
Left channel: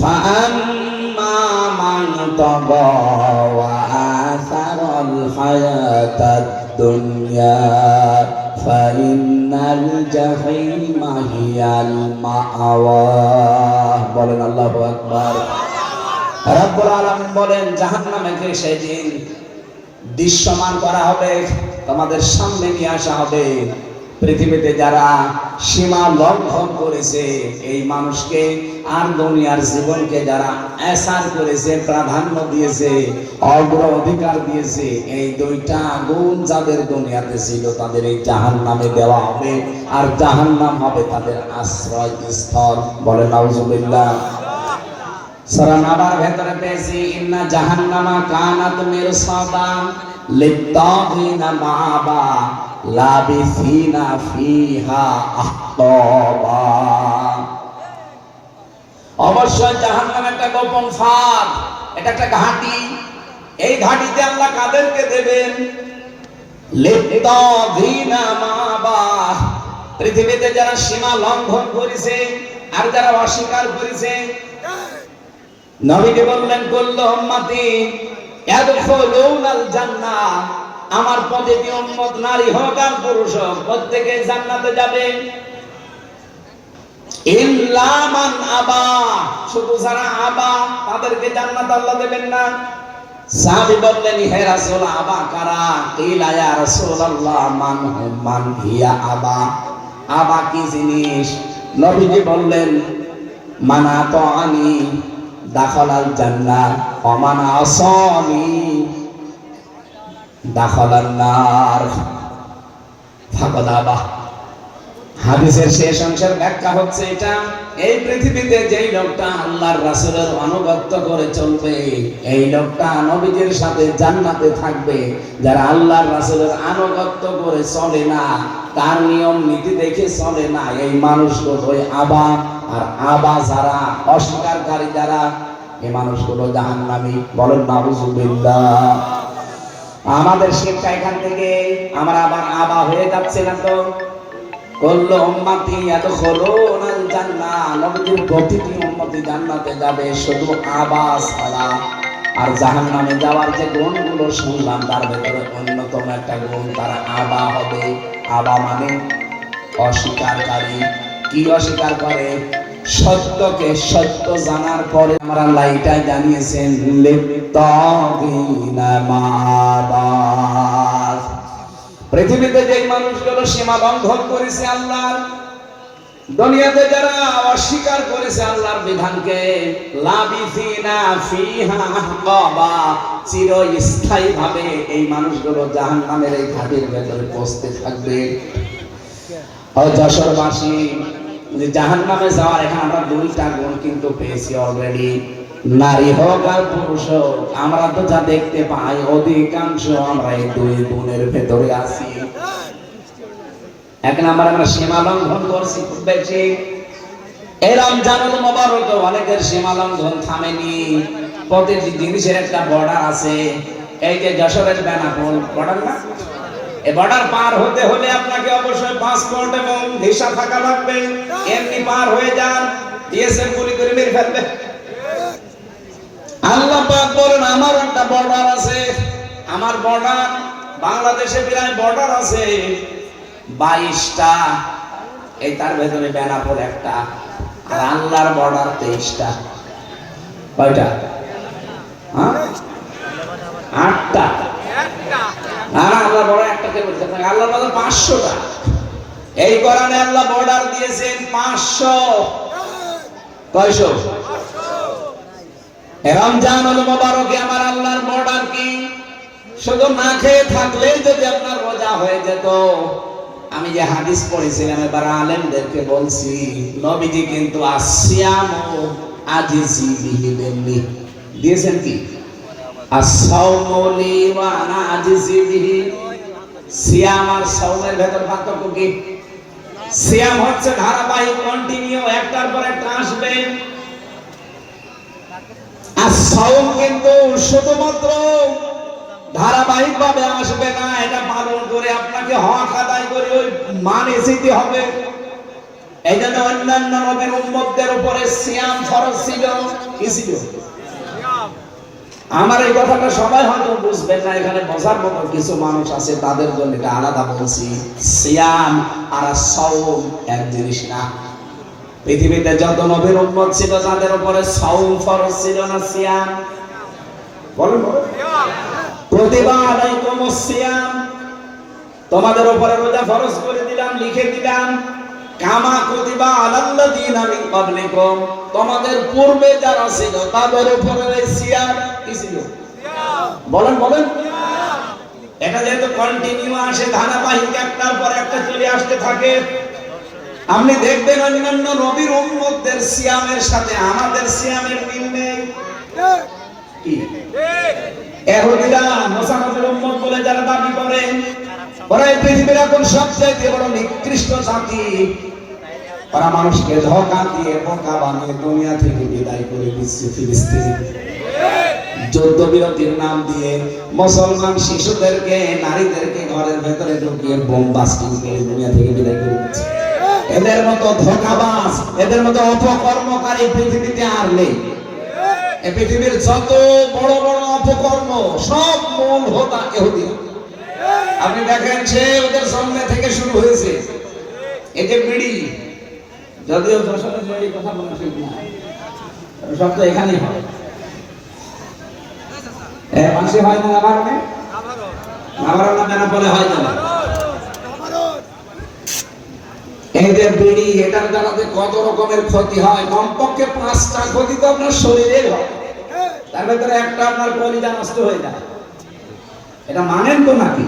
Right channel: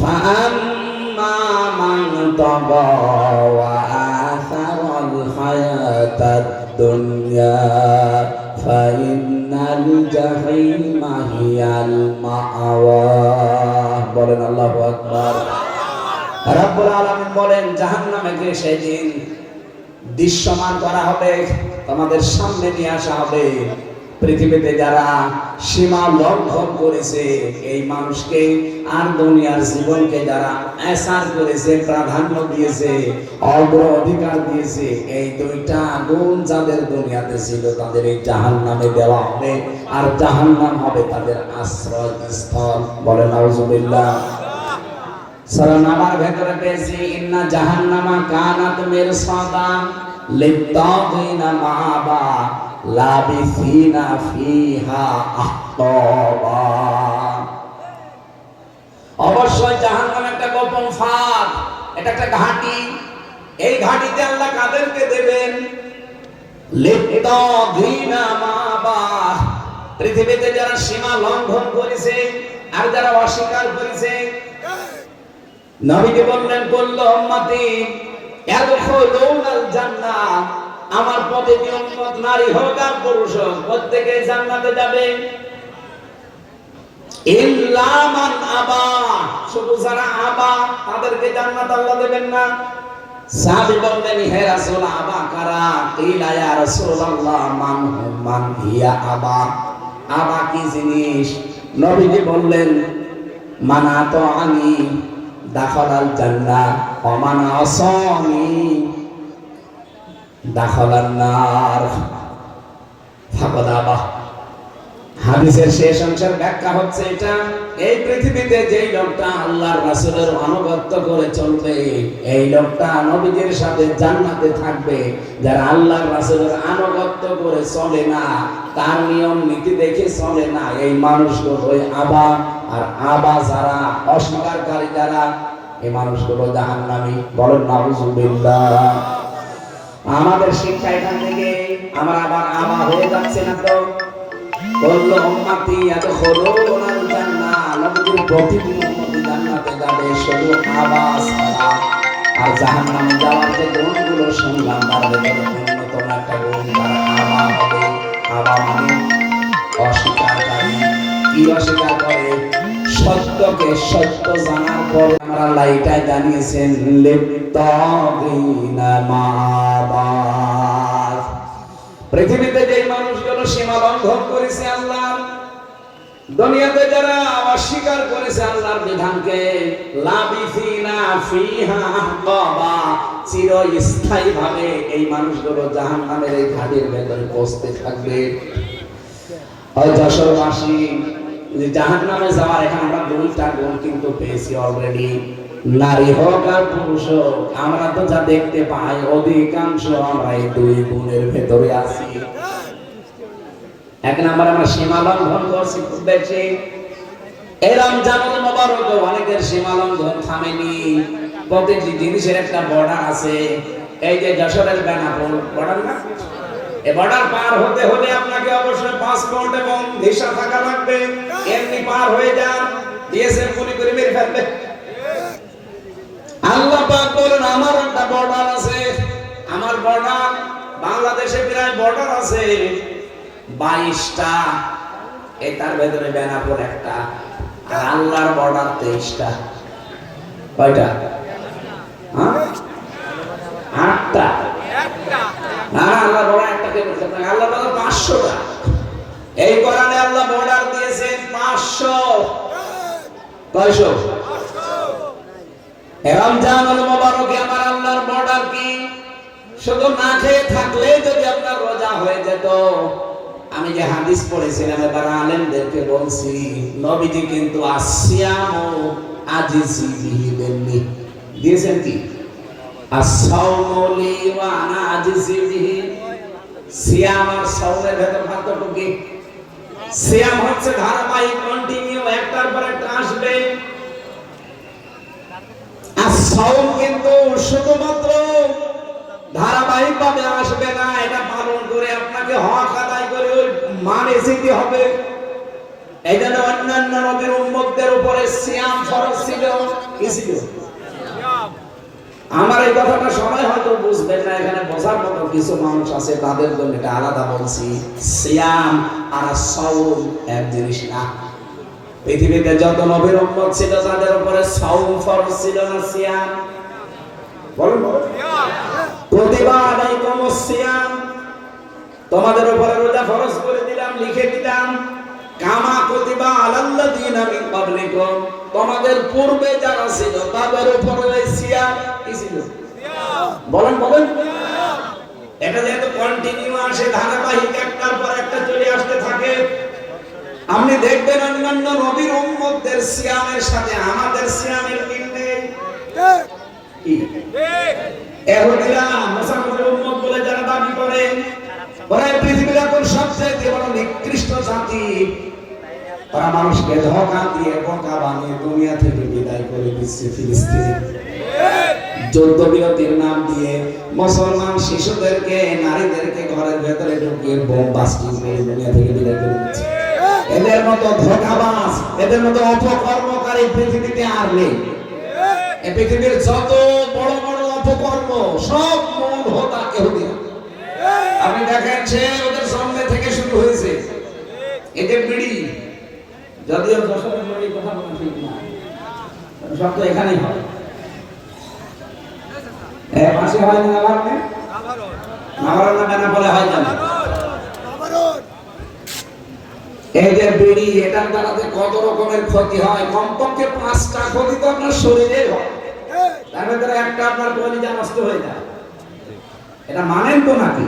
ফাআম্মা মান তাগা ওয়া আসারাল হায়াতাদ দুনিয়া ফাইন্নাল জাহিমা হিয়াল মাআওয়া। বলেন আল্লাহু আকবার। রব্বুল আলামিন বলেন জাহান্নামকে সেদিন দৃশ্যমান করা হবে, তোমাদের সামনে নিয়ে আসা হবে। পৃথিবীতে যারা সীমা লঙ্ঘন করেছে এই মানুষকে আর দুনিয়ার জীবনকে যারা এসার করেছে, প্রাধান্য দিয়েছে, অগ্রাধিকার দিয়েছে, এই দুইটা গুণ যাদের দুনিয়াতে ছিল তাদের এই জাহান্নামে দেওয়া হবে, আর জাহান্নাম হবে তাদের আশ্রয়স্থল। বলে নাউজুবিল্লাহ। সূরা নাবার ভেতরে পেয়েছি ইন্না জাহান্নামা কানাত মিরসাদা লিত্তাগিনা মাআবা লাবিসিনা ফিহা আহকাবা। অবশ্যই জাহান্নাম একটা গোপন ফাঁদ, এটা একটা ঘাঁটি। এই ঘাঁটিতে আল্লাহ কাদেরকে দেবেন? লিত্তাগিনা মাআবা, পৃথিবীতে যারা সীমা লঙ্ঘন করেছে আর যারা অস্বীকার করেছে। নবীজি বললেন কুল্লু উম্মতি ইয়াদখুলুনাল জান্নাহ, আমার প্রতিটি উম্মত নারী হোক আর পুরুষ হোক প্রত্যেকে জান্নাতে যাবে। ইল্লা মান আবা, শুধু যারা আবা তাদেরকে জান্নাত আল্লাহ দেবেন না। সাহাবী বললেন হে রাসূল আবা কারা? কিলা ইয়া রাসূলুল্লাহ মান হিয়া আবা, আবা কি জিনিস? নবীজি বললেন মানা তাআনি দাখালাল জান্নাহ ওয়া মান আসানি দাখালান নার ফাকাদ আবা। হাদিসের শেষ অংশের ব্যাখ্যা হচ্ছে এটা, এই পৃথিবীতে যেই লোকটা আল্লাহর রাসূলের আনুগত্য করে চলবে এই লোকটা নবীজির সাথে জান্নাতে থাকবে। যারা আল্লাহর রাসূলের আনুগত্য করে চলে না, তার নিয়ম নীতি দেখে চলে না, এই মানুষগুলো ওই আবা। আর আবা যারা অস্বীকারী যারা, এই মানুষগুলো জাহান্নামী। বলেন নাউজুবিল্লাহ। আমাদের শিক্ষা এখান থেকে আমরা আবার আবা হয়ে যাচ্ছে না তো? কুল্লু উম্মতি ইয়াদখুলুনাল জান্নাহ, নবীর প্রতিটি উম্মত জান্নাতে যাবে, শুধু আবা ছাড়া। আর জাহান্নামে যাওয়ার যে গুণগুলো শুনলাম তার ভিতরে অন্যতম একটা গুণ তারা আবা হবে। আবা মানে অস্বীকারী। কি অস্বীকার করে? সত্যকে সত্য জানার পরে আমরা আল্লাহ এটাই জানিয়েছেন লিত্তাগিনা মাআবা। পৃথিবীতে যে মানুষগুলো সীমা লঙ্ঘন করেছে আল্লাহর, দুনিয়াতে যারা অস্বীকার করেছে আল্লাহর বিধানকে, লাবিসিনা ফিহা আহকাবা, চিরস্থায়ী ভাবে এই মানুষগুলো জাহান্নামের এই ঘাটির ভেতরে পৌঁছতে থাকবে। আর যশোরবাসী যে জাহান্নামে যাওয়ার এখানে আমরা দুইটা গুণ কিন্তু পেয়েছি অলরেডি। নারী হোক আর পুরুষ হোক, আমরা তো যা দেখতে পাই অধিকাংশ আমরা এই দুই গুণের ভেতরে আছি। এক নাম্বার আমরা সীমা লঙ্ঘন করছি খুব বেশি। এই রমজানুল মুবারক অনেকের সীমা লঙ্ঘন থামেনি। প্রতিটি জিনিসের একটা বর্ডার আছে। এই যে যশোরের বেনাপোল বর্ডার না, এই বর্ডার পার হতে হলে আপনাকে অবশ্যই পাসপোর্ট এবং ভিসা থাকা লাগবে। এমনি পার হয়ে যান, বিএসএফ গুলি করে মেরে ফেলবে। আল্লাহ পাক বলেন আমার একটা বর্ডার আছে, আমার বর্ডার বাংলাদেশে প্রায় বর্ডার আছে 22টা। এই তার ভেতরে বেনাপোল একটা, আর আল্লাহর বর্ডার 23টা। কয়টা? হ্যাঁ, 8টা। হ্যাঁ, আল্লাহ বড় একটাকে বলতে পারে, আল্লাহ বলে 500টা। এই কোরআনে আল্লাহ বর্ডার দিয়েছেন 500। কয়শো? রমজানুল মুবারকে আমার আল্লাহর বর্ডার কি? শুধু না খেয়ে থাকলে যদি আপনার রোজা হয়ে যেত। আমি যে হাদিস পড়েছিলাম এবার আলেমদেরকে বলছি, নবীজি কিন্তু আসিয়ামু আজিজি বিহি দেননি, দিয়েছেন কি? আসসাওমু লি ওয়া আনা আজিজি বিহি। সিয়াম আর সাওমের ভেতর পার্থক্য কি? সিয়াম হচ্ছে ধারাবাহিক, কন্টিনিউ, একটার পর একটা আসবে। আর সাওম কিন্তু শুধুমাত্র ধারাবাহিক ভাবে আসবে না, এটা পালন করে আপনাকে হক আদায় করে ওই মানে যেতে হবে। এই জন্য অন্যান্য নবীর উম্মতদের উপরে সিয়াম ফরজ ছিল। কি ছিল? আমার এই কথাটা সবাই হয়তো বুঝবেন না, এখানে বোঝার মতো কিছু মানুষ আছে, তাদের জন্য এটা আলাদা বলছি। সিয়াম আর সাওম এক জিনিস না। পৃথিবীতে যত নবীর উম্মত ছিল তাদের উপরে সাওম ফরজ ছিল না সিয়াম? বলুন। প্রতিভা আলাইকুম সিয়াম, তোমাদের উপরে রোজা ফরজ করে দিলাম, লিখে দিলাম। কামা কুতিবা আলাল্লাযিনা মিন ক্বাবলিকুম, তোমাদের পূর্বে যারা ছিল তাদের উপরে সিয়াম কি ছিল? বলেন বলেন। এটা যেহেতু কন্টিনিউ আসে, ধারাবাহিক একটার পর একটা চলে আসতে থাকে, আপনি দেখবেন অন্যান্য নবীর উম্মতদের সিয়ামের সাথে আমাদের সিয়ামের মিল নেই। কি ইহুদিরা মুসাফির উম্মত বলে যারা দাবি করে, ওরা পৃথিবীর এখন সবচেয়ে বড় নিকৃষ্ট জাতি। ওরা মানুষকে ধোঁকা দিয়ে বোকা বানিয়ে দুনিয়া থেকে বিদায় করে দিচ্ছে। ফিলিস্তিন যুদ্ধ বিরতির নাম দিয়ে মুসলমান শিশুদেরকে, নারীদেরকে ঘরের ভেতরে ঢুকিয়ে বোম বাস্টিং করে দুনিয়া থেকে বিদায় করে দিচ্ছে। এদের মতো ধোঁকাবাজ, এদের মতো অপকর্মকারী পৃথিবীতে আর নেই। এই পৃথিবীর যত বড় বড় অপকর্ম সব মূল হোতা ইহুদিরা। আপনি দেখেন সে ওদের জন্মে থেকে শুরু হয়েছে। এই যে বিড়ি, যদিও যশোরের বিড়ি কথা বলা ঠিক না, সব তো এখানেই হয়। মাসে হয় না নাভারণে, নাভারণ না বেনাপোলে হয় না। এই যে বিড়ি, এটার দ্বারা যে কত রকমের ক্ষতি হয়, কমপক্ষে 5টা ক্ষতি তো আপনার শরীরে হয়, তার ভেতরে একটা আপনার কলিজা নষ্ট হয়ে যায়। এটা মানেন তো নাকি?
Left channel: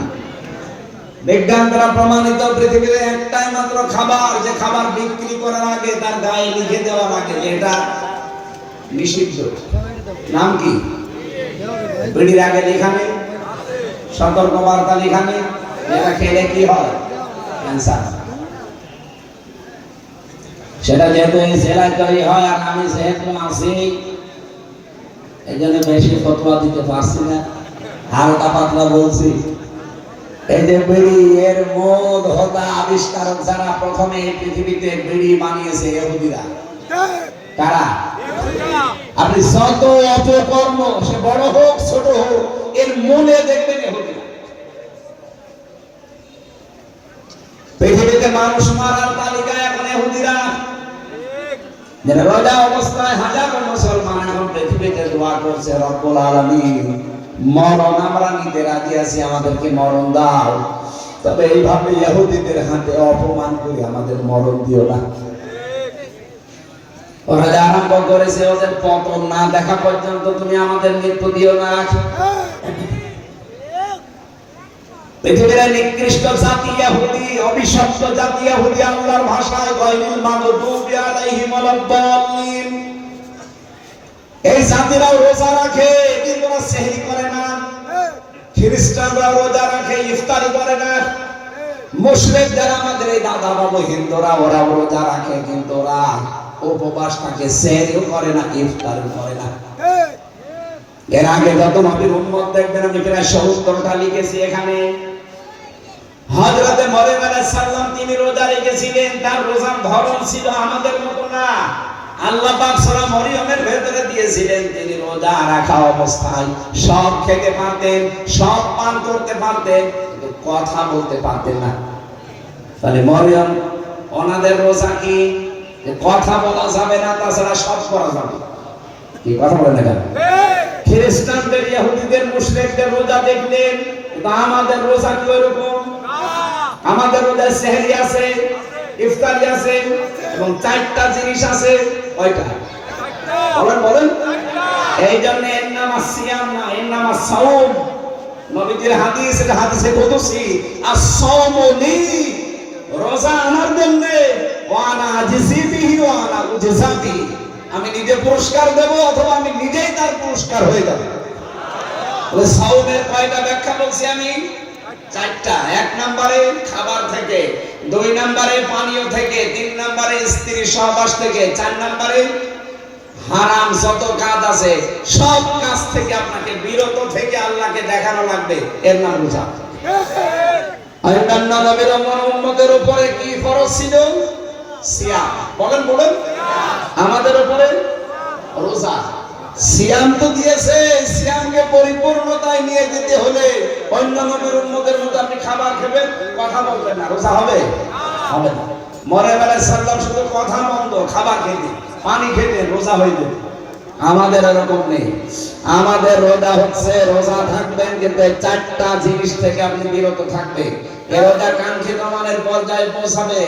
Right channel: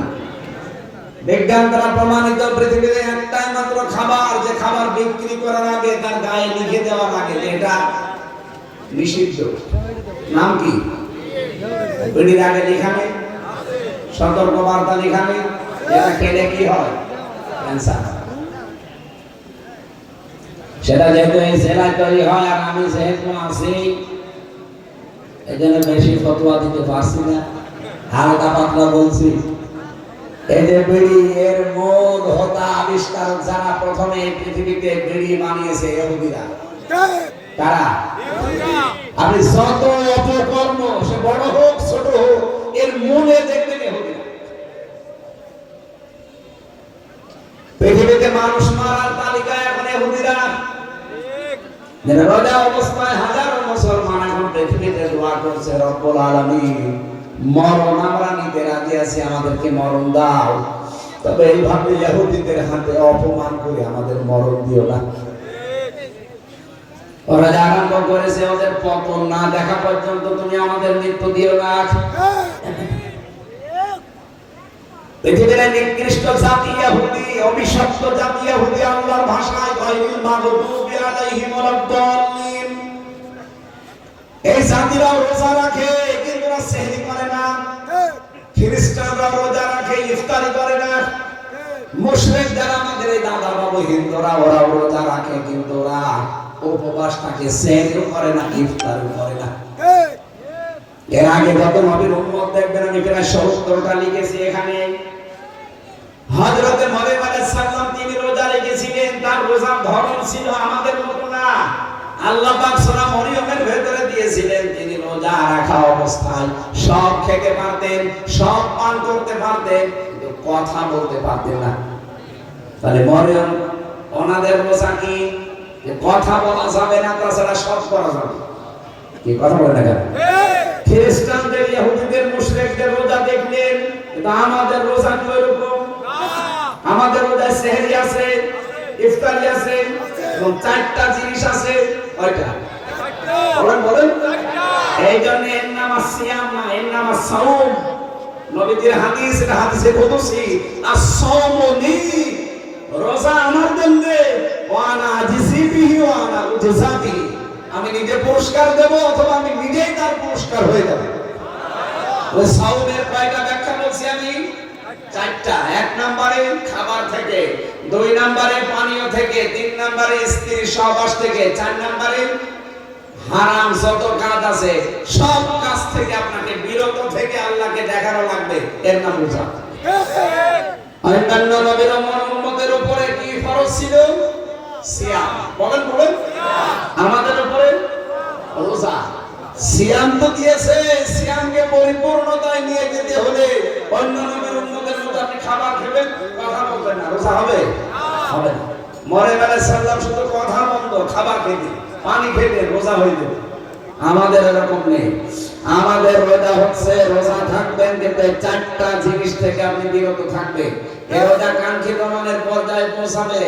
বিজ্ঞান দ্বারা প্রমাণিত পৃথিবীতে একটাই মাত্র খাবার, যে খাবার বিক্রি করার আগে তার গায়ে লিখে দেওয়ার আগে যে এটা নিষিদ্ধ। নাম কি? বিড়ির আগে লেখা নেই, সতর্ক বার্তা লেখা নেই, এটা খেলে কি হয়? ক্যান্সার। সেটা যেহেতু এই জেলায় তৈরি হয় আর আমি যেহেতু আছি, এই জন্য বেশি ফতোয়া দিতে পারছি না, হালকা পাতলা বলছি। এই যে বিড়ি, এর মূল হোতা আবিষ্কারক যারা প্রথমে পৃথিবীতে বিড়ি বানিয়েছে ইহুদিরা। কারা? আপনি যত অপকর্ম, সে বড় হোক ছোট হোক, এর মূলে দেখবেন ইহুদিরা। পৃথিবীতে মানুষ মারার তালিকায় এখন ইহুদিরা। রোজা অবস্থায় হাজারো মুসলমান এখন পৃথিবীতে দোয়া করছে, রব্বুল আলামিন মরণ আমরা নিতে রাজি আছি, আমাদেরকে মরণ দাও, তবে এইভাবে ইহুদিদের হাতে অপমান করে আমাদের মরণ দিও না। ওরা যে আরম্ভ করেছে, ওদের পতন না দেখা পর্যন্ত তুমি আমাদের মৃত্যু দিও না। পৃথিবীর নিকৃষ্ট জাতি ইহুদি, অভিশপ্ত জাতি ইহুদি, আল্লাহর ভাষায় গায়রুল মাগদুবি আলাইহিম ওয়ালাদ-দাল্লিন। এই জাতিরাও রোজা রাখে কিন্তু ওরা সেহরি করে না। খ্রিস্টানরা রোজা রাখে, ইফতারি করে না। মুশরিক যারা আমাদের এই দাদা বাবু হিন্দুরা, ওরা রোজা রাখে কিন্তু ওরা উপবাস থাকে, সেহরিও করে না, ইফতারও করে না। এর আগে যত নবীর উম্মত দেখবেন, আমি প্রায় 70টা লিখেছি এখানে। হযরতে মরিয়ম আলাইহিস সালাম তিনি রোজা রেখেছিলেন, তার রোজার ধরন ছিল আমাদের মতো না। আল্লাহ পাক সূরা মরিয়মের ভেতরে দিয়েছিলেন, তিনি রোজা রাখা অবস্থায় সব খেতে পারতেন, সব পান করতে পারতেন, কিন্তু কথা বলতে পারতেন না। তাহলে মরিয়ম ওনাদের রোজা কি? যে কথা বলা যাবে না, তাছাড়া সব করা যাবে। কি কথা বলে না কেন? খ্রিস্টানদের, ইহুদিদের, মুশরিকদের রোজা দেখলেন, কিন্তু আমাদের রোজা কি ওরকম? আমাদের রোজায় সেহরি আছে, ইফতারি আছে এবং 4টা জিনিস আছে। কয়টা? বলেন বলেন। এই জন্য এর নাম সিয়াম না, এর নাম সাওম। নবীজির হাদিস, এটা হাদিসে কুদসি, আস-সাওমু লি, রোজা আমার জন্য, ওয়া আনা আজিজি বিহি ওয়া আনা উজজা বিহি, আমি নিজে পুরস্কার দেব অথবা আমি নিজেই তার পুরস্কার হয়ে যাব। ওই সাওমের কয়টা ব্যাখ্যা বলছি আমি? 4টা। 1 নম্বরে খাবার থেকে, 2 নম্বরে পানীয় থেকে, 3 নম্বরে স্ত্রী সহবাস থেকে, 4 নম্বরে হারাম যত কাজ আছে সব কাজ থেকে আপনাকে বিরত থেকে আল্লাহকে দেখানো লাগবে, এর নাম রোজা। অন্যান্য নবীরা উম্মতের উপরে কি ফরজ ছিল? সিয়াম। বলেন বলেন। আমাদের উপরে রোজা। সিয়াম তো দিয়েছে, সিয়ামকে পরিপূর্ণতায় নিয়ে যেতে হলে অন্য নবীর উম্মতের মতো আপনি খাবার খাবেন, কথা বলবেন না, রোজা হবে? হবে না। মরে বেলা সাল্লাম শুধু কথা বন্ধ, খাবার খেতে, পানি খেতে রোজা হয়ে যাবে। আমাদের এরকম নেই। আমাদের রোজা হচ্ছে, রোজা থাকবেন কিন্তু এই চারটা জিনিস থেকে আপনি বিরত থাকবেন। এই রোজা কাঙ্ক্ষিত মানের পর্যায়ে পৌঁছাবে।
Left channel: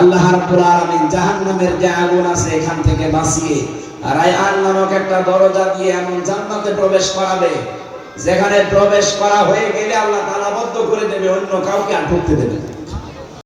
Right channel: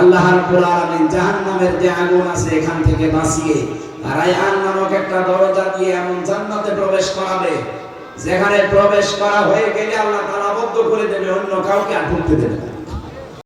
আল্লাহ রাব্বুল আলামিন জাহান্নামের যে আগুন আছে এখান থেকে বাঁচিয়ে রায়হান নামক একটা দরজা দিয়ে এমন জান্নাতে প্রবেশ করাবে, যেখানে প্রবেশ করা হয়ে গেলে আল্লাহ তাআলা বদ্ধ করে দেবে, অন্য কাউকে আর ঢুকতে দেবে না।